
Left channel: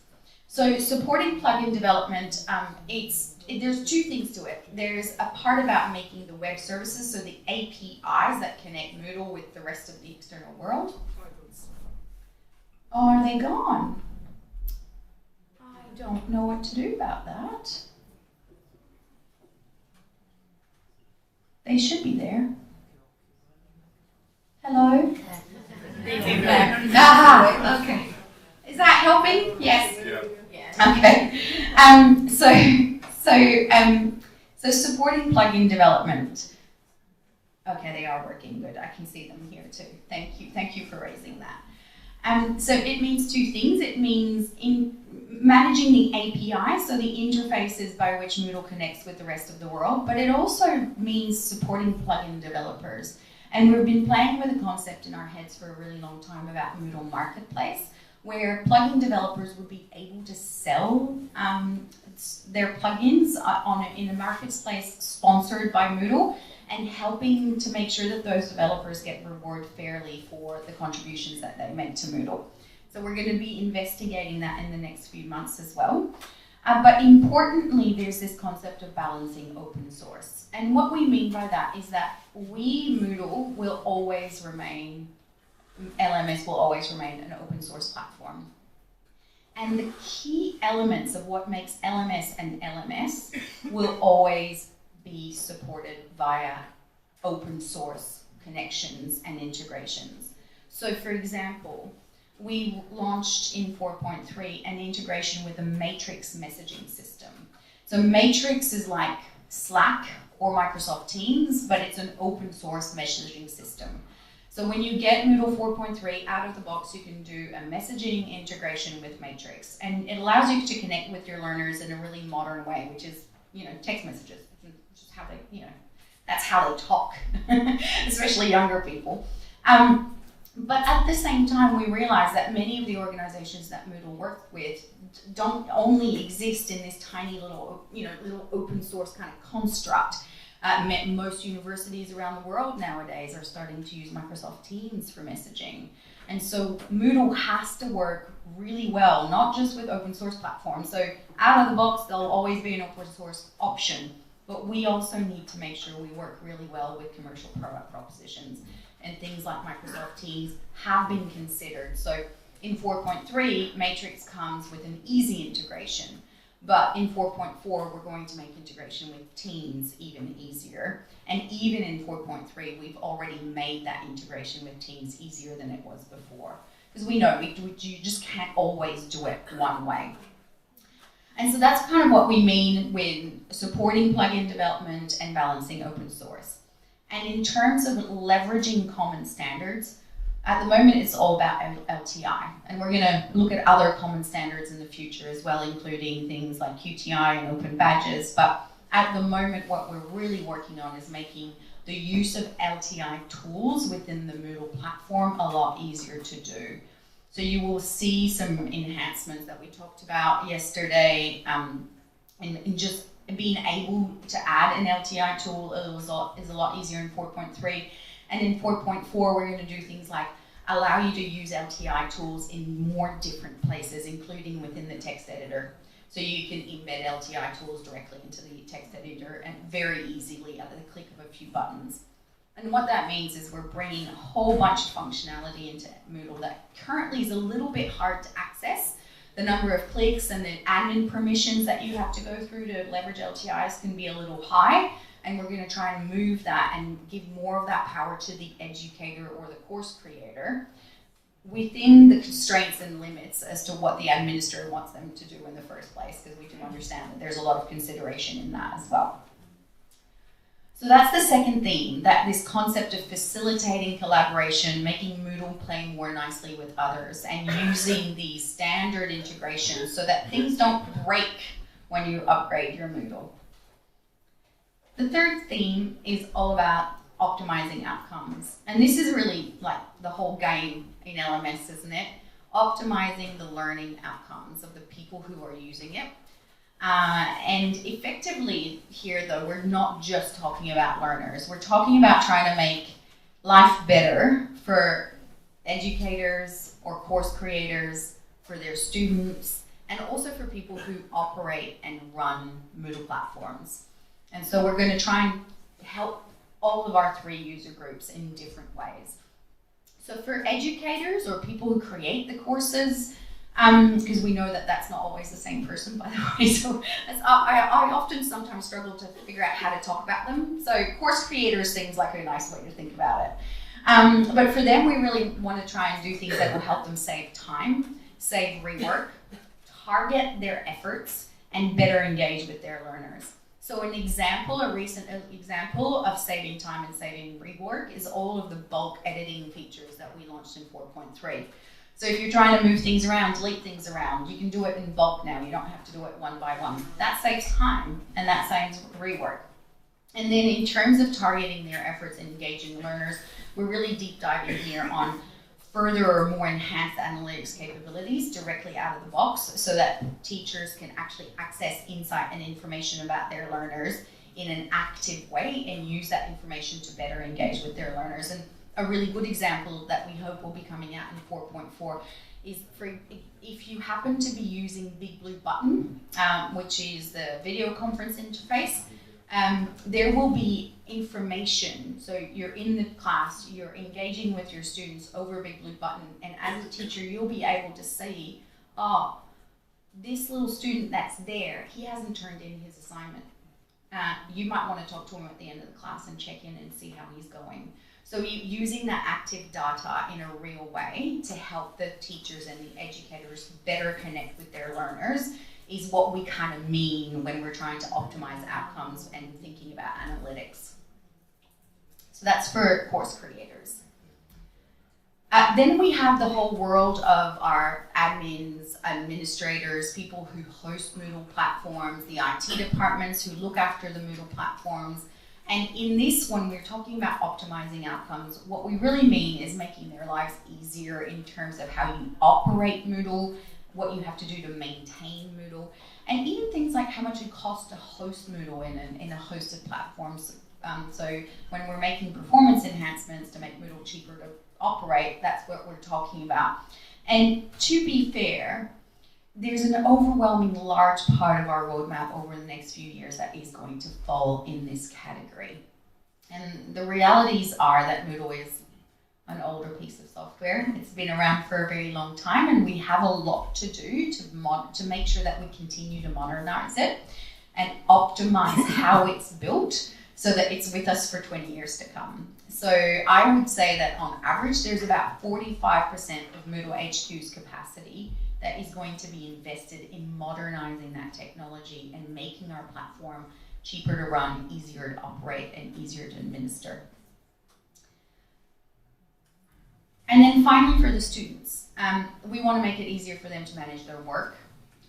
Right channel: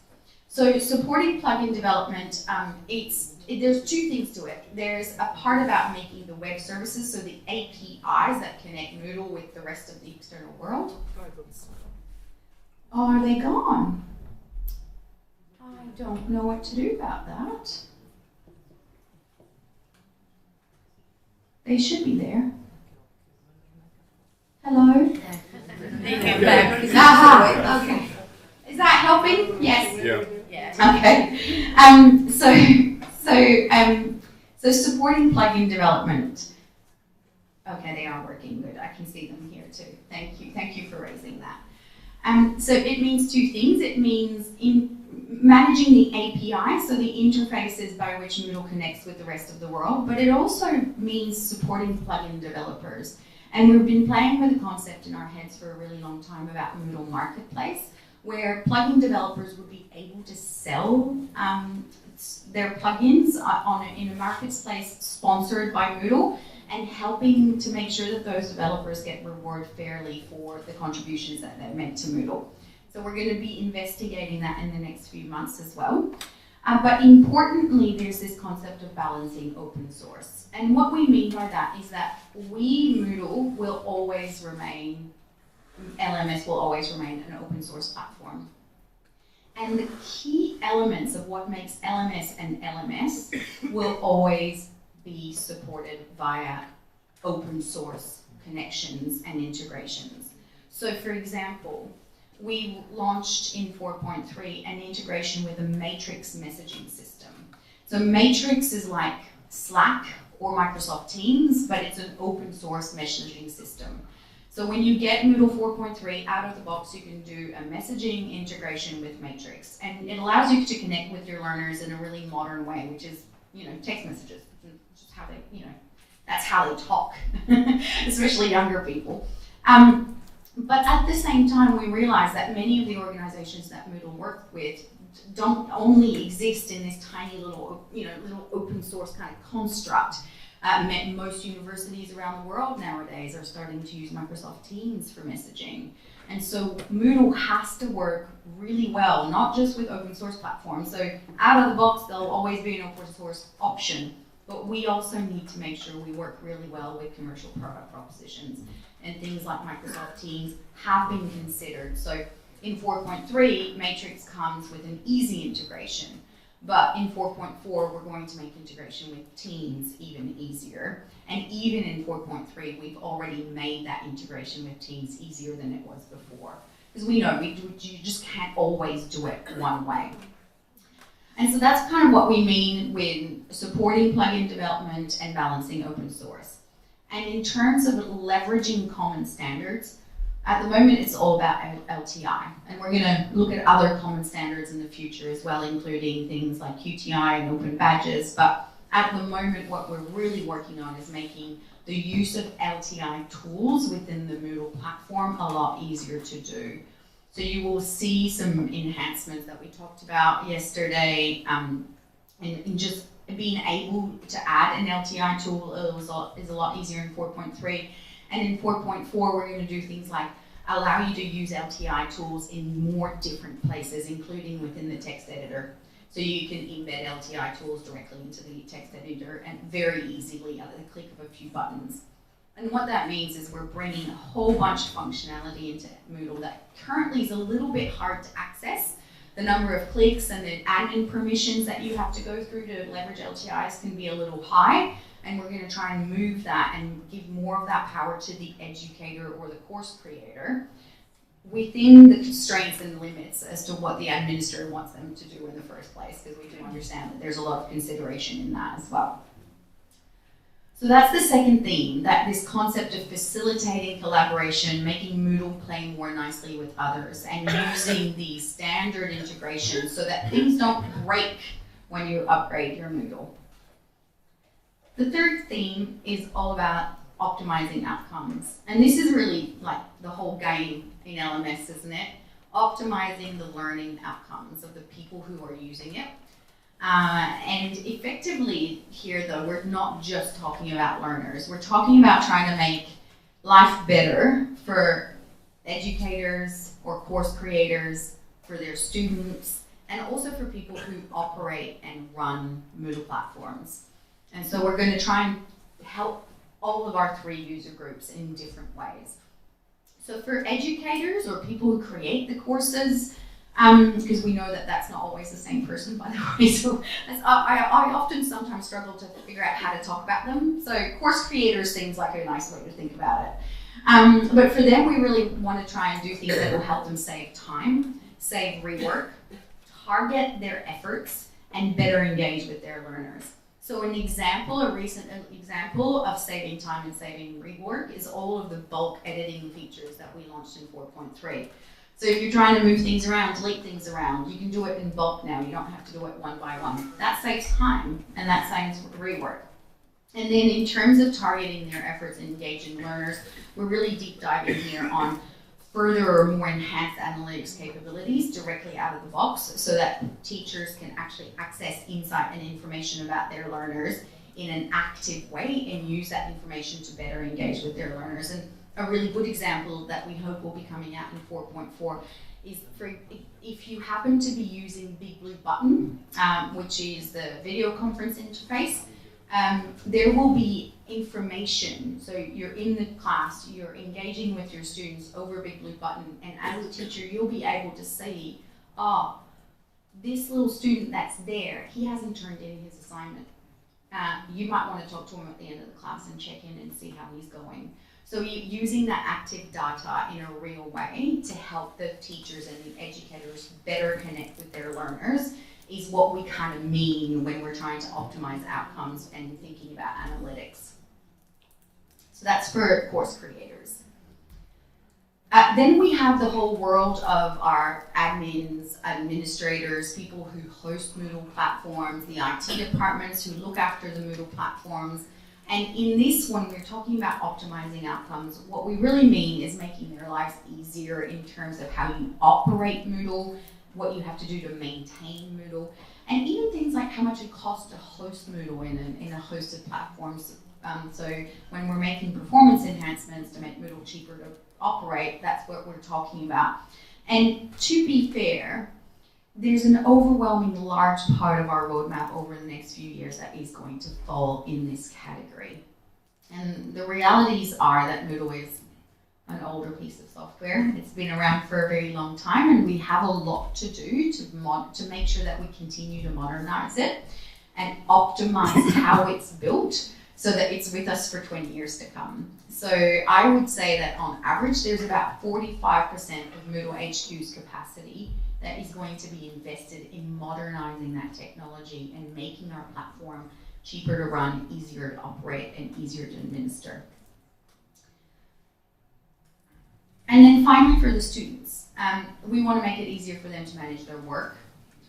So supporting plugin development, there's two things to it. There's a part about making the web services, so the APIs that connect Moodle with the rest of the external world. Oh, are they gone? I don't know what to do about that. They should be there. Hello? Aha, okay. Is that helping? Yes? Yeah. Okay. So supporting plugin development. Okay, they are working good. I can see them here too. Thank you for raising that. So it means two things. It means in managing the API, so the interfaces by which Moodle connects with the rest of the world, but it also means supporting plugin developers. And we've been playing with a concept in our heads for a really long time about Moodle Marketplace, where plugin developers would be able to sell their plugins in a marketplace sponsored by Moodle, and helping to make sure that those developers get rewarded fairly for the contributions that they make to Moodle. So we're going to be investigating that in the next few months as well. But importantly, there's this concept of balancing open source. And what we mean by that is that Moodle will always remain, LMS will always remain an open source platform. And the key elements of what makes LMS an LMS will always be supported via open source connections and integrations. So for example, we launched in 4.3 an integration with a Matrix messaging system. So Matrix is like Slack or Microsoft Teams, but it's an open source messaging system. So when you get Moodle 4.3 out of the box, you can do a messaging integration with Matrix, and it allows you to connect with your learners in a really modern way, which is, text messages, which is how they, that's how they talk, especially younger people. But at the same time, we realize that many of the organizations that Moodle work with don't only exist in this tiny little, little open source kind of construct. Most universities around the world nowadays are starting to use Microsoft Teams for messaging. And so Moodle has to work really well, not just with open source platforms. So out of the box, there'll always be an open source option, but we also need to make sure we work really well with commercial product propositions. And things like Microsoft Teams have been considered. So in 4.3, Matrix comes with an easy integration. But in 4.4, we're going to make integration with Teams even easier. And even in 4.3, we've already made that integration with Teams easier than it was before. Because we know you just can't always do it one way. And so that's kind of what we mean with supporting plugin development and balancing open source. And in terms of leveraging common standards, at the moment it's all about LTI. And we're going to look at other common standards in the future as well, including things like QTI and open badges. But at the moment, what we're really working on is making the use of LTI tools within the Moodle platform a lot easier to do. So you will see some enhancements that we talked about yesterday in just being able to add an LTI tool is a lot easier in 4.3. And in 4.4, we're going to do things like allow you to use LTI tools in more different places, including within the text editor. So you can embed LTI tools directly into the text editor and very easily at the click of a few buttons. And what that means is we're bringing a whole bunch of functionality into Moodle that currently is a little bit hard to access. The number of clicks and the admin permissions that you have to go through to leverage LTIs can be a little high, and we're going to try and move that and give more of that power to the educator or the course creator within the constraints and limits as to what the administrator wants them to do in the first place, because we do understand that there's a lot of consideration in that as well. So that's the second theme, that this concept of facilitating collaboration, making Moodle play more nicely with others, and using these standard integrations so that things don't break when you upgrade your Moodle. The third theme is all about optimizing outcomes. And this is really like the whole game in LMS, isn't it? Optimizing the learning outcomes of the people who are using it. And effectively here, though, we're not just talking about learners. We're talking about trying to make life better for educators or course creators, for their students, and also for people who operate and run Moodle platforms. And so we're going to try and help all of our three user groups in different ways. So for educators or people who create the courses, because we know that that's not always the same person, by the way, so I often sometimes struggle to figure out how to talk about them. So course creators seems like a nice way to think about it. But for them, we really want to try and do things that will help them save time, save rework, target their efforts, and better engage with their learners. So an example, a recent example of saving time and saving rework is all of the bulk editing features that we launched in 4.3. So if you're trying to move things around, delete things around, you can do it in bulk now. You don't have to do it one by one. That saves time and that saves rework. And then in terms of targeting their efforts and engaging learners, we're really deep diving here on further or more enhanced analytics capabilities directly out of the box so that teachers can actually access insight and information about their learners in an active way and use that information to better engage with their learners. And a really good example that we hope will be coming out in 4.4 is if you happen to be using Big Blue Button, which is the video conference interface, there will be information. So you're in the class, you're engaging with your students over Big Blue Button, and as a teacher, you'll be able to see, this little student that's there, he hasn't turned in his assignment. You might want to talk to him at the end of the class and check in and see how he's going. So using that active data in a real way to help the teachers and the educators better connect with their learners is what we kind of mean when we're trying to optimize outcomes and thinking about analytics. So that's for course creators. Then we have the whole world of our admins, administrators, people who host Moodle platforms, the IT departments who look after the Moodle platforms. And in this one, we're talking about optimizing outcomes. What we really mean is making their lives easier in terms of how you operate Moodle, what you have to do to maintain Moodle, and even things like how much it costs to host Moodle in a hosted platform. So when we're making performance enhancements to make Moodle cheaper to operate, that's what we're talking about. And to be fair, there's an overwhelming large part of our roadmap over the next few years that is going to fall in this category. And the realities are that Moodle is an older piece of software. It's been around for a very long time, and we have a lot to do to make sure that we continue to modernize it and optimize how it's built so that it's with us for 20 years to come. So I would say that on average, there's about 45% of MoodleHQ's capacity that is going to be invested in modernizing that technology and making our platform cheaper to run, easier to operate, and easier to administer. And then finally for the students, we want to make it easier for them to manage their work,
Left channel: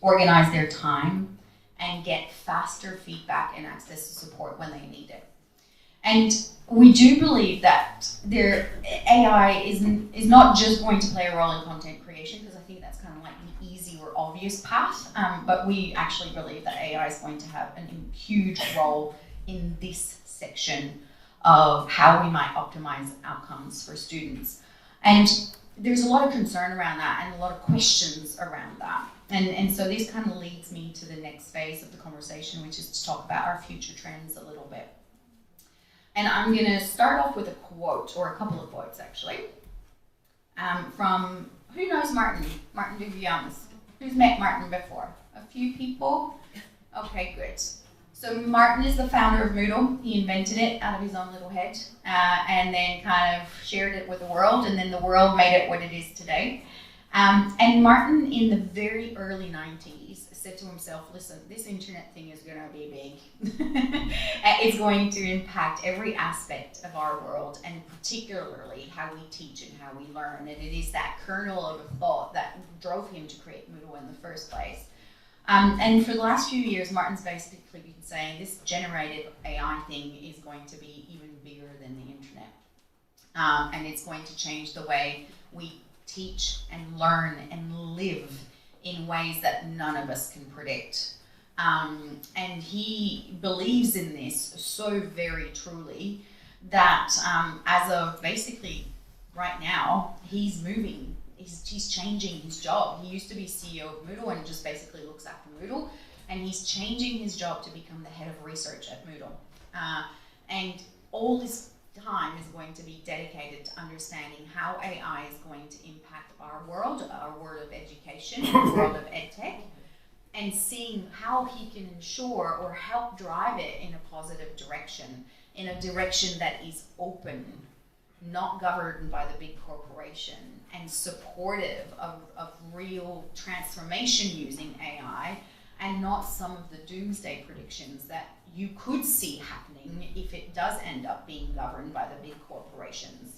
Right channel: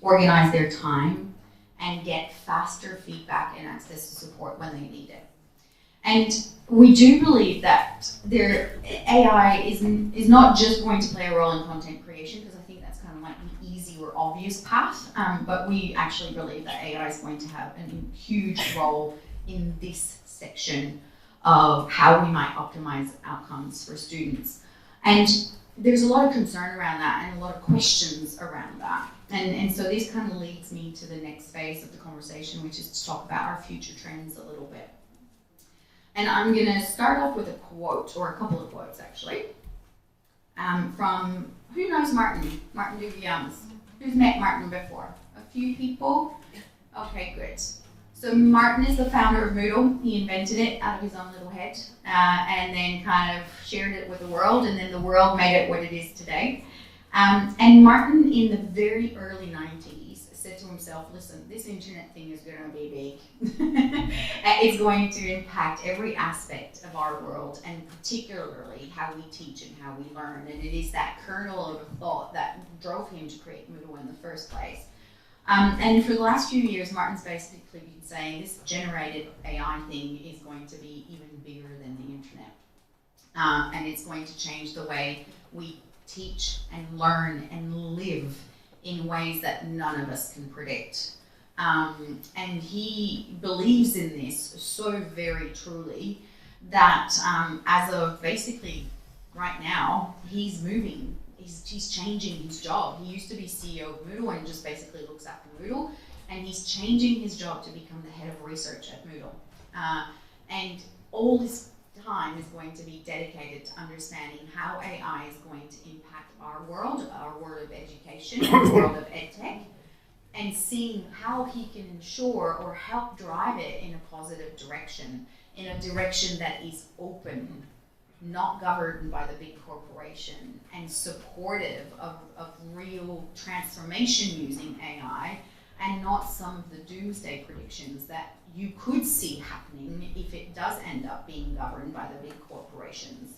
organize their time, and get faster feedback and access to support when they need it. And we do believe that AI is not just going to play a role in content creation, because I think that's kind of like the easy or obvious path, but we actually believe that AI is going to have a huge role in this section of how we might optimize outcomes for students. And there's a lot of concern around that and a lot of questions around that. And so this kind of leads me to the next phase of the conversation, which is to talk about our future trends a little bit. And I'm going to start off with a quote, or a couple of quotes actually, from, who knows Martin Duviamus? Who's met Martin before? A few people? Okay, good. So Martin is the founder of Moodle. He invented it out of his own little head and then kind of shared it with the world, and then the world made it what it is today. And Martin, in the very early 90s, said to himself, listen, this internet thing is going to be big. It's going to impact every aspect of our world, and particularly how we teach and how we learn. And it is that kernel of a thought that drove him to create Moodle in the first place. And for the last few years, Martin's basically been saying this generative AI thing is going to be even bigger than the internet. And it's going to change the way we teach and learn and live in ways that none of us can predict. And he believes in this so very truly that as of basically right now, he's moving. He's changing his job. He used to be CEO of Moodle and just basically looks after Moodle, and he's changing his job to become the head of research at Moodle. And all this time is going to be dedicated to understanding how AI is going to impact our world of education, our world of edtech, and seeing how he can ensure or help drive it in a positive direction, in a direction that is open, not governed by the big corporation, and supportive of real transformation using AI, and not some of the doomsday predictions that you could see happening if it does end up being governed by the big corporations.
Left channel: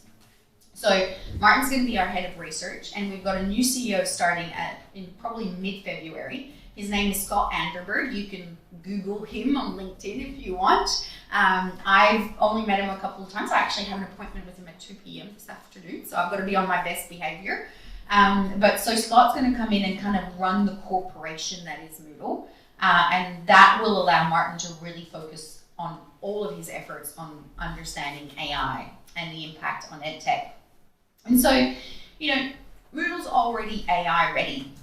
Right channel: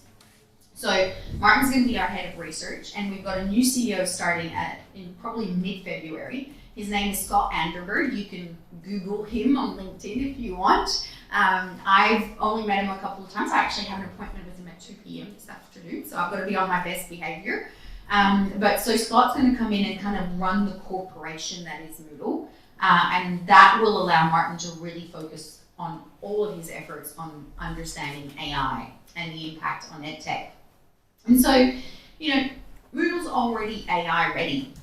So Martin's going to be our head of research, and we've got a new CEO starting in probably mid-February. His name is Scott Anderberg. You can Google him on LinkedIn if you want. I've only met him a couple of times. I actually have an appointment with him at 2 p.m. this afternoon, so I've got to be on my best behavior. But so Scott's going to come in and kind of run the corporation that is Moodle, and that will allow Martin to really focus on all of his efforts on understanding AI and the impact on EdTech. And so, Moodle's already AI ready.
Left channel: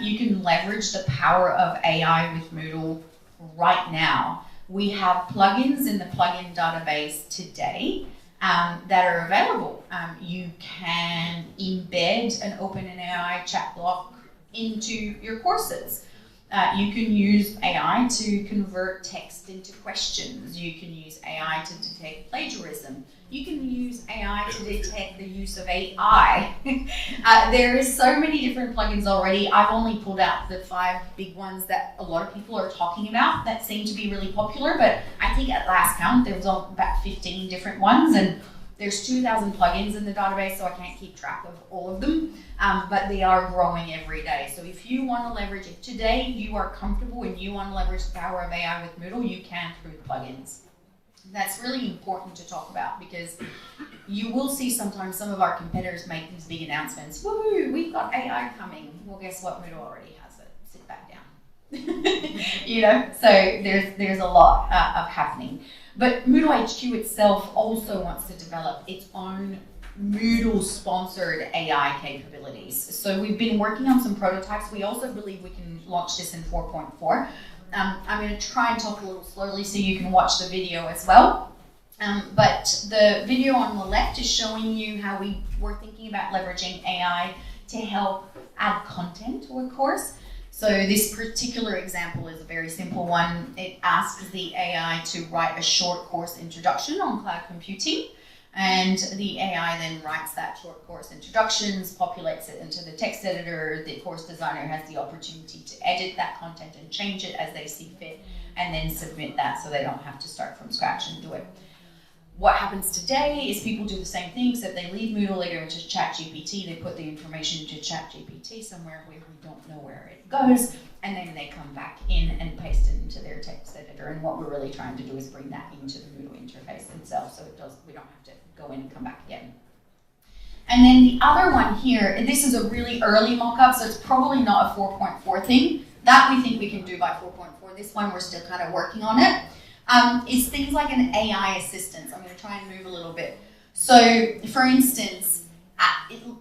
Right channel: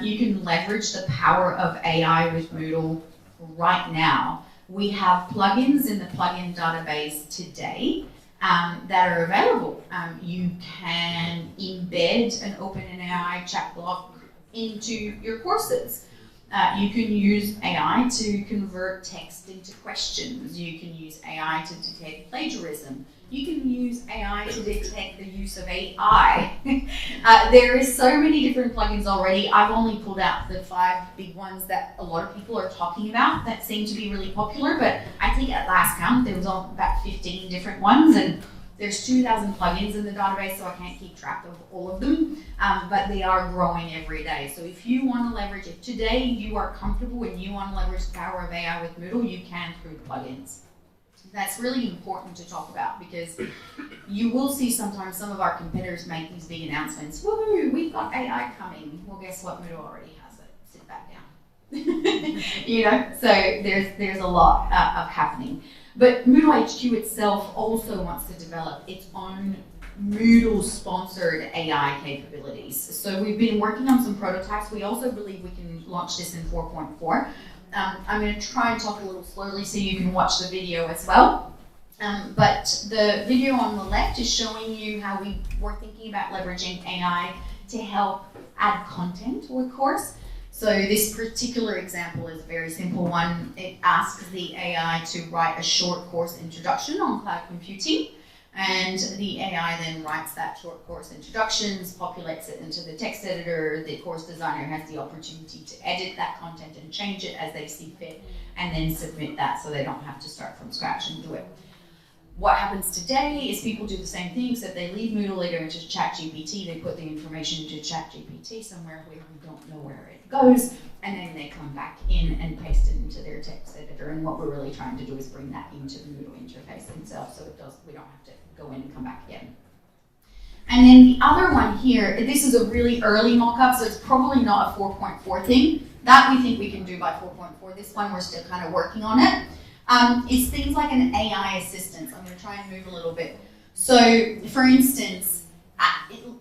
You can leverage the power of AI with Moodle right now. We have plugins in the plugin database today that are available. You can embed an OpenAI chat block into your courses. You can use AI to convert text into questions. You can use AI to detect plagiarism. You can use AI to detect the use of AI. There is so many different plugins already. I've only pulled out the 5 big ones that a lot of people are talking about that seem to be really popular, but I think at last count there was about 15 different ones, and there's 2,000 plugins in the database, so I can't keep track of all of them, but they are growing every day. So if you want to leverage, if today you are comfortable and you want to leverage the power of AI with Moodle, you can through the plugins. That's really important to talk about, because you will see sometimes some of our competitors make these big announcements. Woohoo, we've got AI coming. Well, guess what? Moodle already has it. Sit back down. So there's a lot of happening. But MoodleHQ itself also wants to develop its own Moodle-sponsored AI capabilities. So we've been working on some prototypes. We also believe we can launch this in 4.4. I'm going to try and talk a little slowly so you can watch the video as well. But the video on the left is showing you how we were thinking about leveraging AI to help add content to a course. So this particular example is a very simple one. It asks the AI to write a short course introduction on cloud computing, and the AI then writes that short course introductions, populates it into the text editor. The course designer has the opportunity to edit that content and change it as they see fit, and then submit that so they don't have to start from scratch and do it. What happens today is people do the same thing, except they leave Moodle, they go into ChatGPT, they put the information into ChatGPT somewhere where we don't know where it goes, and then they come back in and paste it into their text editor. And what we're really trying to do is bring that into the Moodle interface itself, so we don't have to go in and come back again. And then the other one here, this is a really early mock-up, so it's probably not a 4.4 thing. That we think we can do by 4.4. This one, we're still kind of working on it. It's things like an AI assistant. I'm going to try and move a little bit. So, for instance,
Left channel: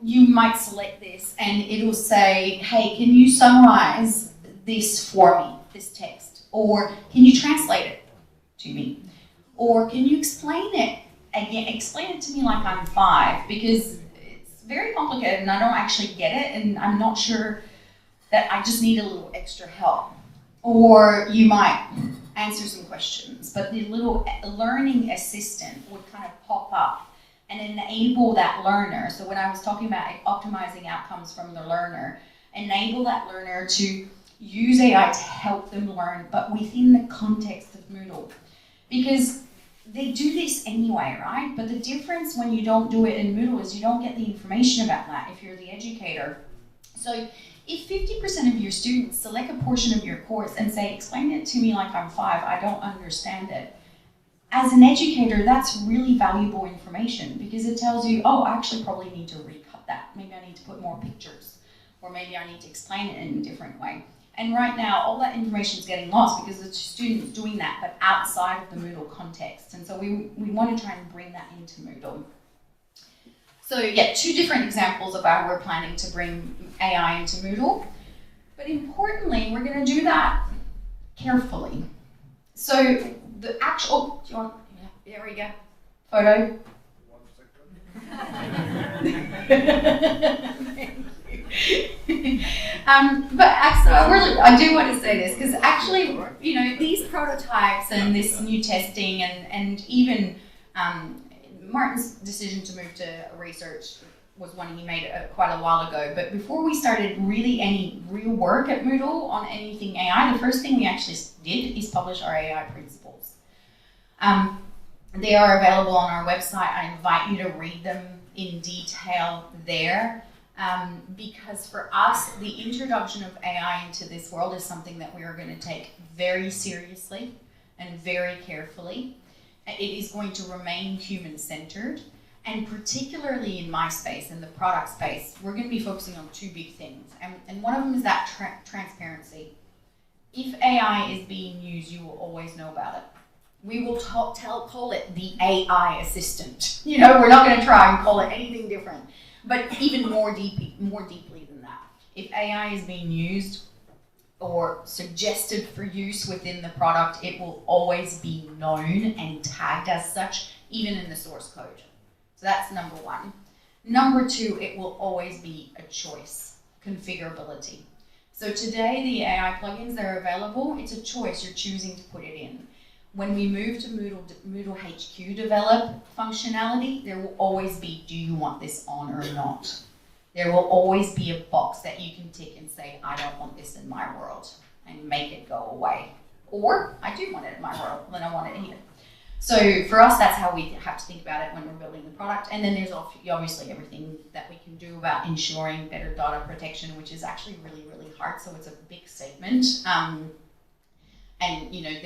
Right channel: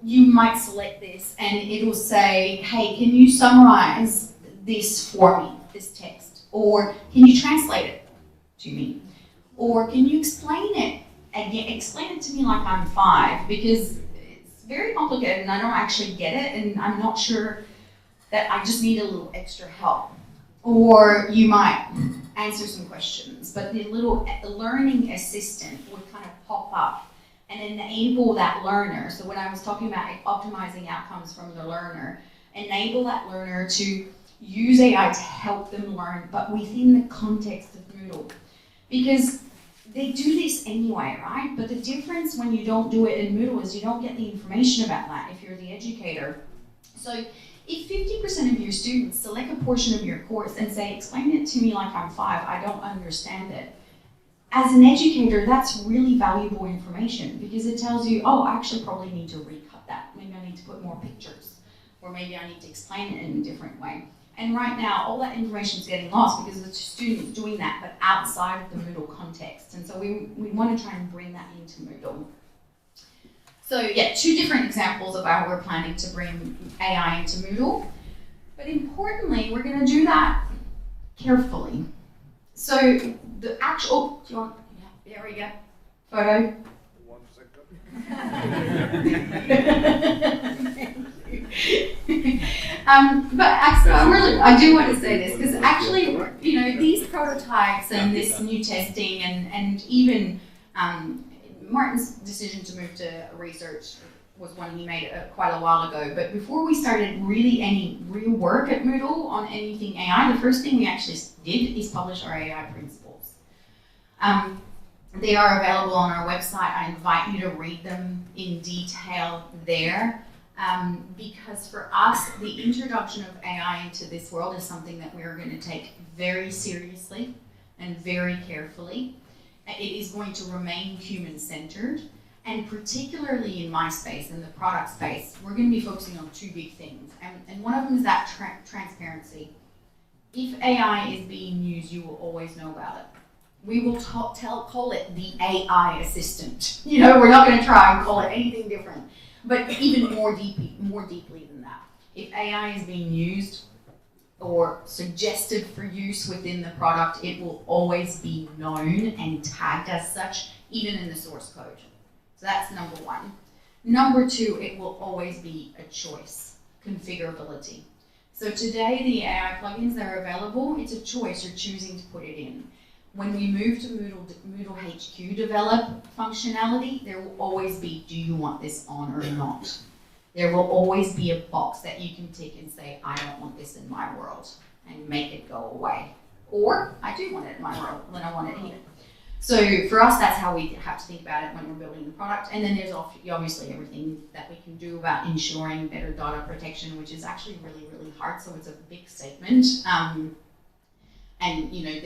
you might select this and it will say, hey, can you summarize this for me, this text? Or can you translate it to me? Or can you explain it? Again, explain it to me like I'm 5, because it's very complicated and I don't actually get it, and I'm not sure that I just need a little extra help. Or you might answer some questions, but the little learning assistant would kind of pop up and enable that learner. So when I was talking about optimizing outcomes from the learner, enable that learner to use AI to help them learn, but within the context of Moodle. Because they do this anyway, right? But the difference when you don't do it in Moodle is you don't get the information about that if you're the educator. So if 50% of your students select a portion of your course and say, explain it to me like I'm 5, I don't understand it. As an educator, that's really valuable information, because it tells you, oh, I actually probably need to recut that. Maybe I need to put more pictures, or maybe I need to explain it in a different way. And right now, all that information is getting lost because the student's doing that, but outside of the Moodle context. And so we want to try and bring that into Moodle. So yeah, 2 different examples of how we're planning to bring AI into Moodle. But importantly, we're going to do that carefully. So the actual, do you want, yeah, there we go, photo. 1 second. Thank you. But actually, I do want to say this, because actually, these prototypes and this new testing and even Martin's decision to move to research was one he made quite a while ago. But before we started really any real work at Moodle on anything AI, the first thing we actually did is publish our AI principles. They are available on our website. I invite you to read them in detail there. Because for us, the introduction of AI into this world is something that we are going to take very seriously and very carefully. It is going to remain human-centered. And particularly in my space, in the product space, we're going to be focusing on two big things. And one of them is that transparency. If AI is being used, you will always know about it. We will call it the AI assistant. You know, we're not going to try and call it anything different. But even more deeply than that. If AI is being used or suggested for use within the product, it will always be known and tagged as such, even in the source code. So that's number one. Number two, it will always be a choice, configurability. So today, the AI plugins that are available, it's a choice, you're choosing to put it in. When we move to MoodleHQ develop functionality, there will always be, do you want this on or not? There will always be a box that you can tick and say, I don't want this in my world, and make it go away. Or, I do want it in my world, then I want it here. So for us, that's how we have to think about it when we're building the product. And then there's obviously everything that we can do about ensuring better data protection, which is actually really, really hard. So it's a big statement. And you know,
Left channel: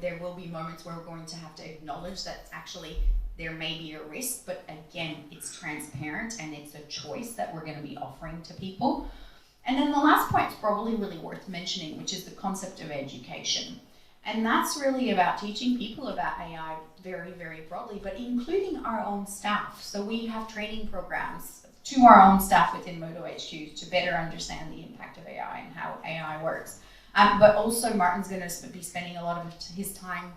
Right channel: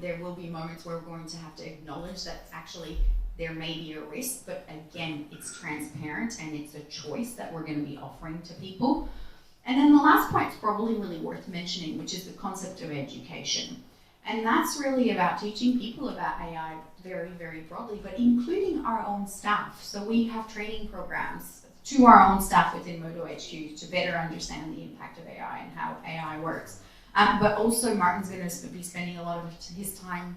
there will be moments where we're going to have to acknowledge that actually there may be a risk, but again, it's transparent and it's a choice that we're going to be offering to people. And then the last point is probably really worth mentioning, which is the concept of education. And that's really about teaching people about AI very, very broadly, but including our own staff. So we have training programs to our own staff within MoodleHQ to better understand the impact of AI and how AI works. But also Martin's going to be spending a lot of his time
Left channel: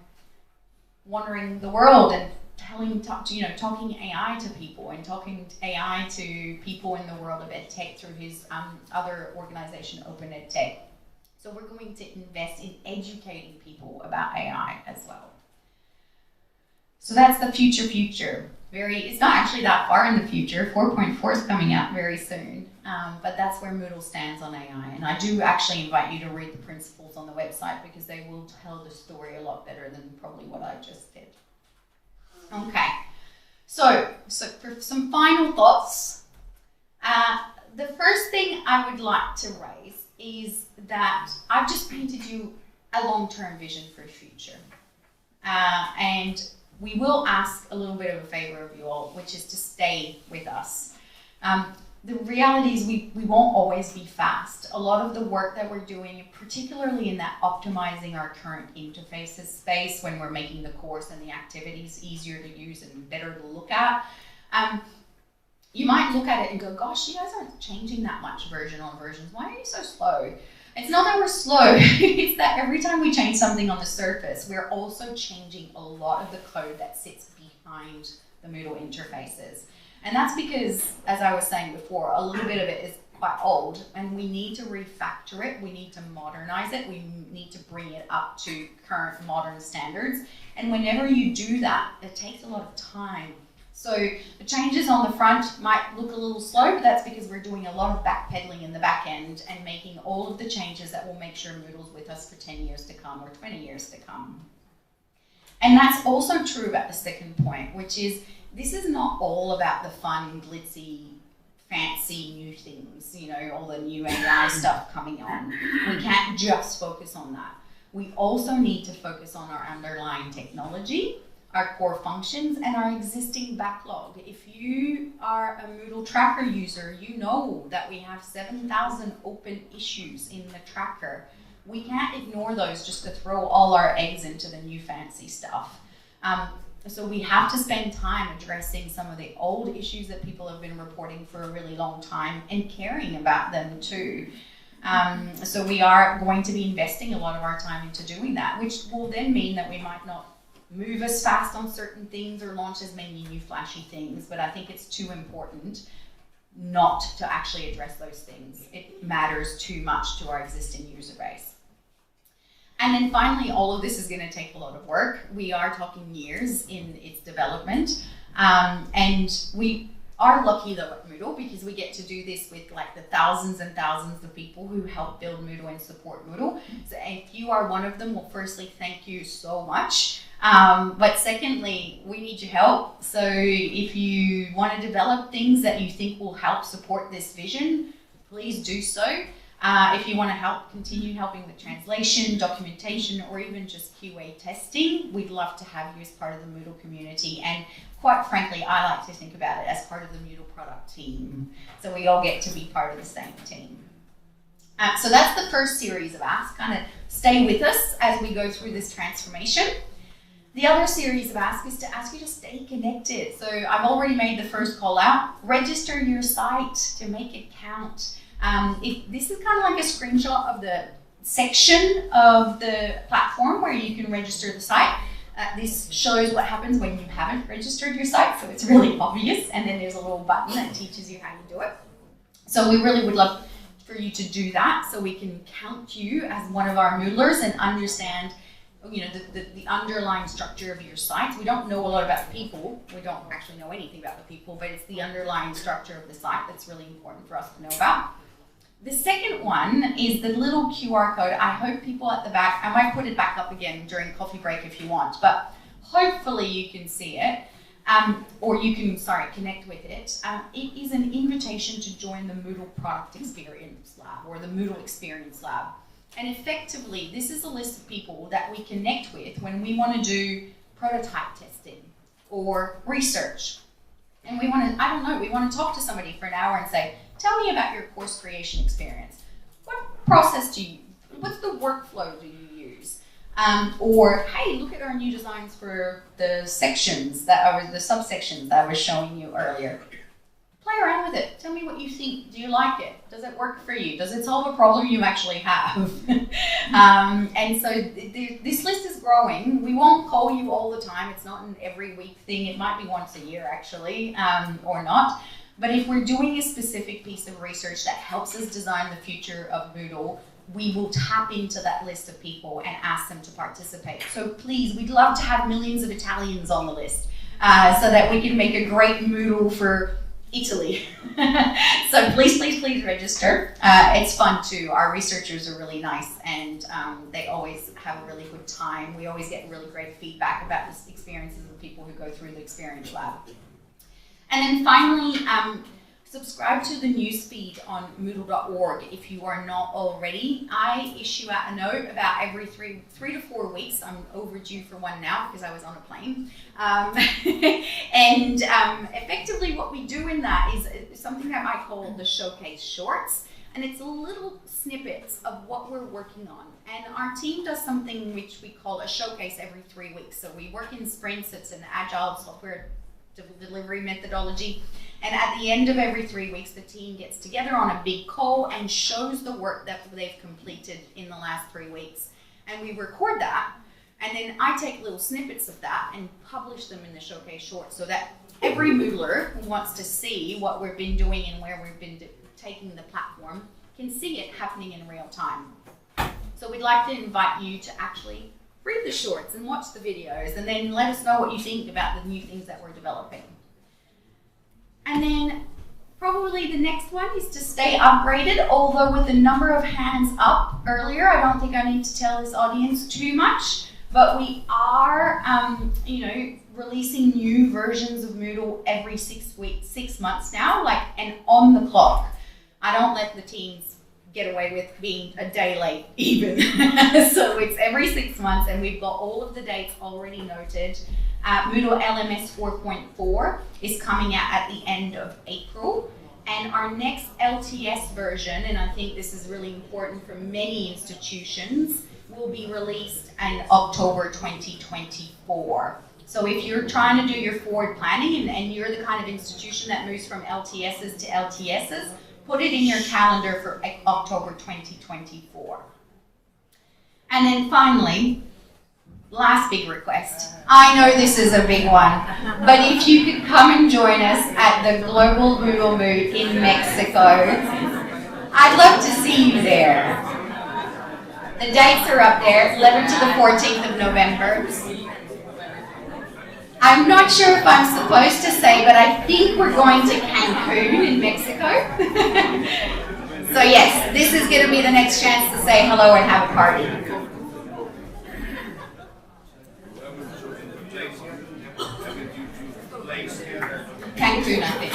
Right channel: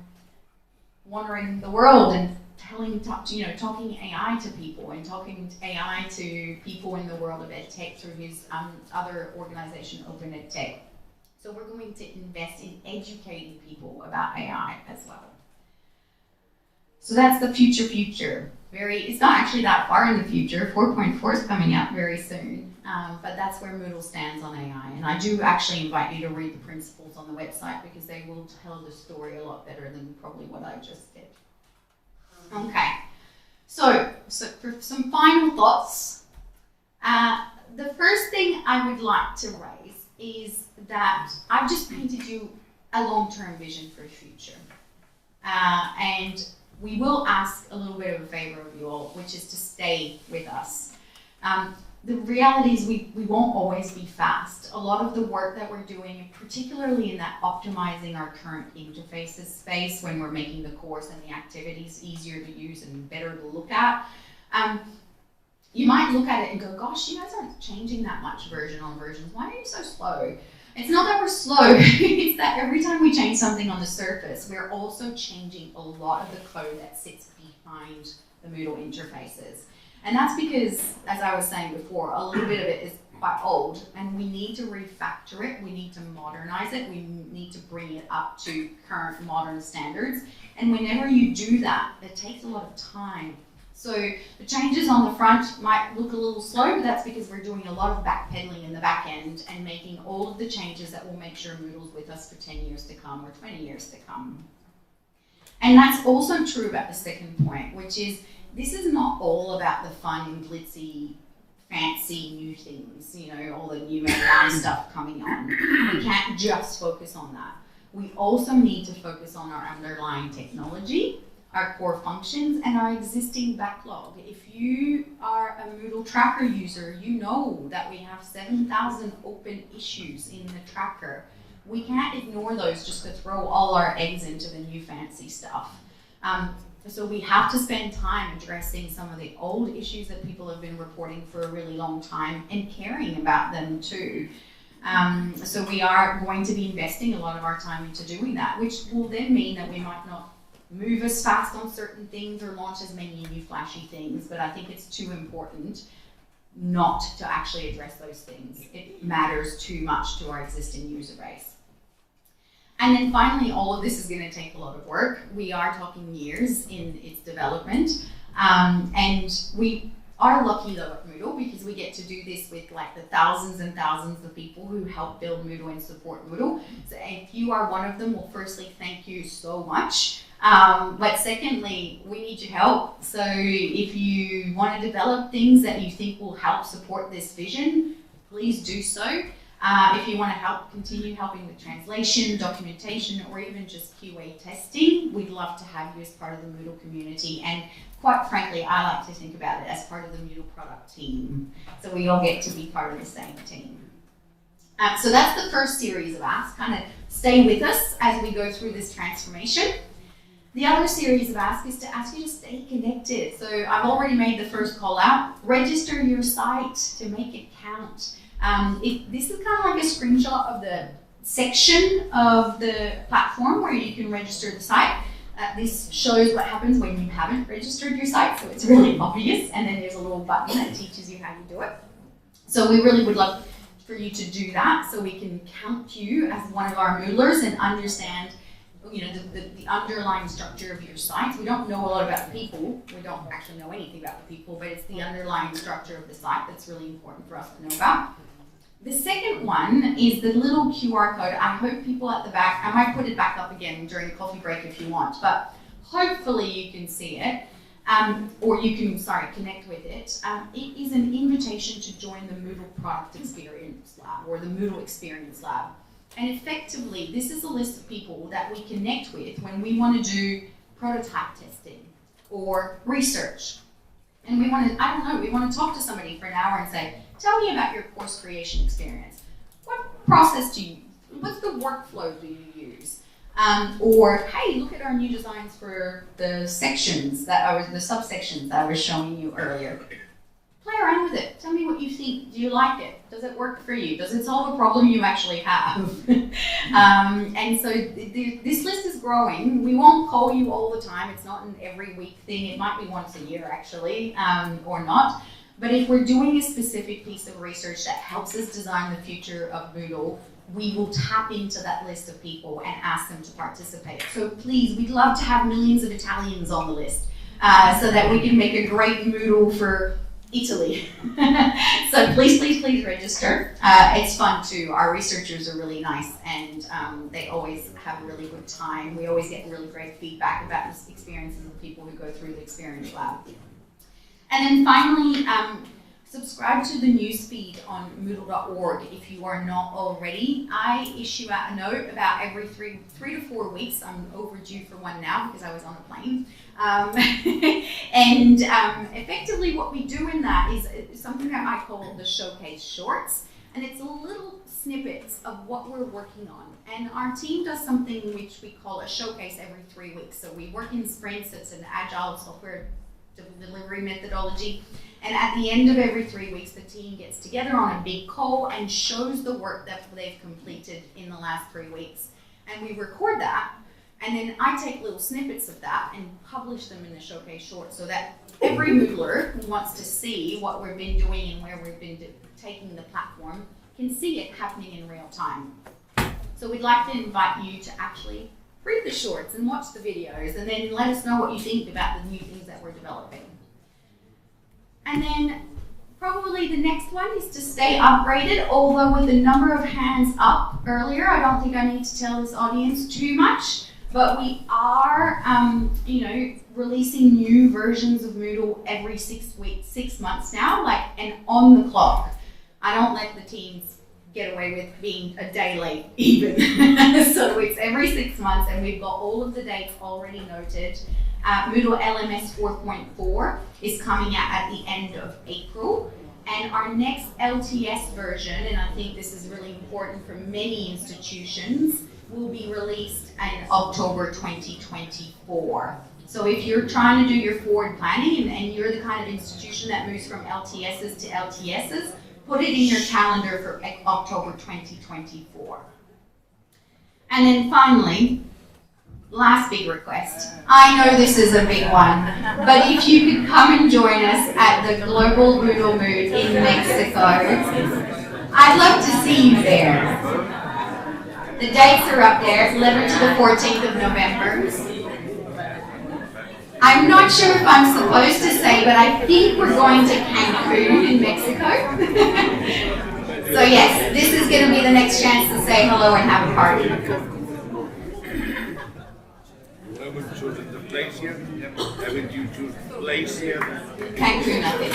wandering the world and talking AI to people and talking AI to people in the world of EdTech through his other organization, Open EdTech. So we're going to invest in educating people about AI as well. So that's the future. It's not actually that far in the future. 4.4 is coming out very soon, but that's where Moodle stands on AI. And I do actually invite you to read the principles on the website because they will tell the story a lot better than probably what I just did. Okay, so for some final thoughts, the first thing I would like to raise is that I've just painted you a long-term vision for the future. And we will ask a little bit of a favor of you all, which is to stay with us. The reality is we won't always be fast. A lot of the work that we're doing, particularly in that optimizing our current interfaces space when we're making the course and the activities easier to use and better to look at, you might look at it and go, gosh, you guys aren't changing that much version on versions. Why are you so slow? It's not that we're slow, it's that every time we change something on the surface, we're also changing a lot of the code that sits behind the Moodle interfaces. And that's because, as I was saying before, a little bit of it is quite old and we need to refactor it, we need to modernize it, we need to bring it up to current modern standards. And whenever you do that, it takes a lot of time. So the changes on the front might look a little slow, but that's because we're doing a lot of backpedaling in the back end and making all of the changes that will make sure Moodle's with us for 10 years to come or 20 years to come. And that's also true about the second point, which is this is not all about the fun, glitzy, fancy new things, you know, all the new AI stuff coming on. We can't just focus on that. We also need to focus on our underlying technology, our core functions, and our existing backlog. If you are a Moodle tracker user, you know that we have 7,000 open issues in the tracker. We can't ignore those just to throw all our eggs into the new fancy stuff. So we have to spend time addressing some of the old issues that people have been reporting for a really long time and caring about them too. So we are going to be investing a lot of our time into doing that, which will then mean that we might not move as fast on certain things or launch as many new flashy things, but I think it's too important not to actually address those things. It matters too much to our existing user base. And then finally, all of this is going to take a lot of work. We are talking years in its development, and we are lucky though at Moodle because we get to do this with like the thousands and thousands of people who help build Moodle and support Moodle. So if you are one of them, well, firstly, thank you so much. But secondly, we need your help. So if you want to develop things that you think will help support this vision, please do so. If you want to continue helping with translation, documentation, or even just QA testing, we'd love to have you as part of the Moodle community. And quite frankly, I like to think about it as part of the Moodle product team. So we all get to be part of the same team. So that's the first series of asks. Kind of stay with us as we go through this transformation. The other series of asks is to ask you to stay connected. So I've already made the first call out. Register your site to make it count. This is kind of like a screenshot of the section of the platform where you can register the site. This shows what happens when you haven't registered your site, so it's really obvious, and then there's a little button that teaches you how you do it. So we really would love for you to do that so we can count you as one of our Moodlers and understand the underlying structure of your site. We don't know a lot about the people. We don't actually know anything about the people, but it's the underlying structure of the site that's really important for us to know about. The second one is the little QR code. I hope people at the back, I might put it back up again during coffee break if you want, but hopefully you can see it, or you can, connect with it. It is an invitation to join the Moodle Product Experience Lab, or the Moodle Experience Lab. And effectively, this is a list of people that we connect with when we want to do prototype testing or research. And we want to talk to somebody for an hour and say, tell me about your course creation experience. What process what's the workflow do you use? Or, hey, look at our new designs for the sections the subsections that I was showing you earlier. Play around with it. Tell me what you think. Do you like it? Does it work for you? Does it solve a problem you actually have? And so this list is growing. We won't call you all the time. It's not an every week thing. It might be once a year actually, or not. But if we're doing a specific piece of research that helps us design the future of Moodle, we will tap into that list of people and ask them to participate. So please, we'd love to have millions of Italians on the list so that we can make a great Moodle for Italy. So please register. It's fun too. Our researchers are really nice and they always have a really good time. We always get really great feedback about the experiences of people who go through the Experience Lab. And then finally, subscribe to the newsfeed on Moodle.org if you are not already. I issue out a note about every three to 4 weeks. I'm overdue for one now because I was on a plane. And effectively what we do in that is something that I call the Showcase Shorts. And it's little snippets of what we're working on. And our team does something which we call a showcase every 3 weeks. So we work in sprints. It's an agile software delivery methodology. And at the end of every 3 weeks, the team gets together on a big call and shows the work that they've completed in the last 3 weeks. And we record that. And then I take little snippets of that and publish them in the Showcase Shorts so that every Moodler who wants to see what we've been doing and where we've been taking the platform can see it happening in real time. So we'd like to invite you to actually read the shorts and watch the videos and then let us know what you think about the new things that we're developing. And then probably the next one is to stay upgraded, although with the number of hands up earlier, I don't think I need to tell this audience too much, but we are releasing new versions of Moodle every 6 months now, and on the clock. I don't let the teams get away with being a day late even. So it's every 6 months and we've got all of the dates already noted. Moodle LMS 4.4 is coming out at the end of April, and our next LTS version, and I think this is really important for many institutions, will be released in October 2024. So if you're trying to do your forward planning and you're the kind of institution that moves from LTSs to LTSs, put it in your calendar for October 2024. And then finally, last big request. I know this is a big one, but if you could come and join us at the Global MoodleMoot in Mexico, I'd love to see you there. The dates are up there, 11th to the 14th of November. I'm not sure if I'm supposed to say, but I think we're going to Cancun in Mexico. So yes, this is going to be the next chance to say hello and have a party. Cancun, I think.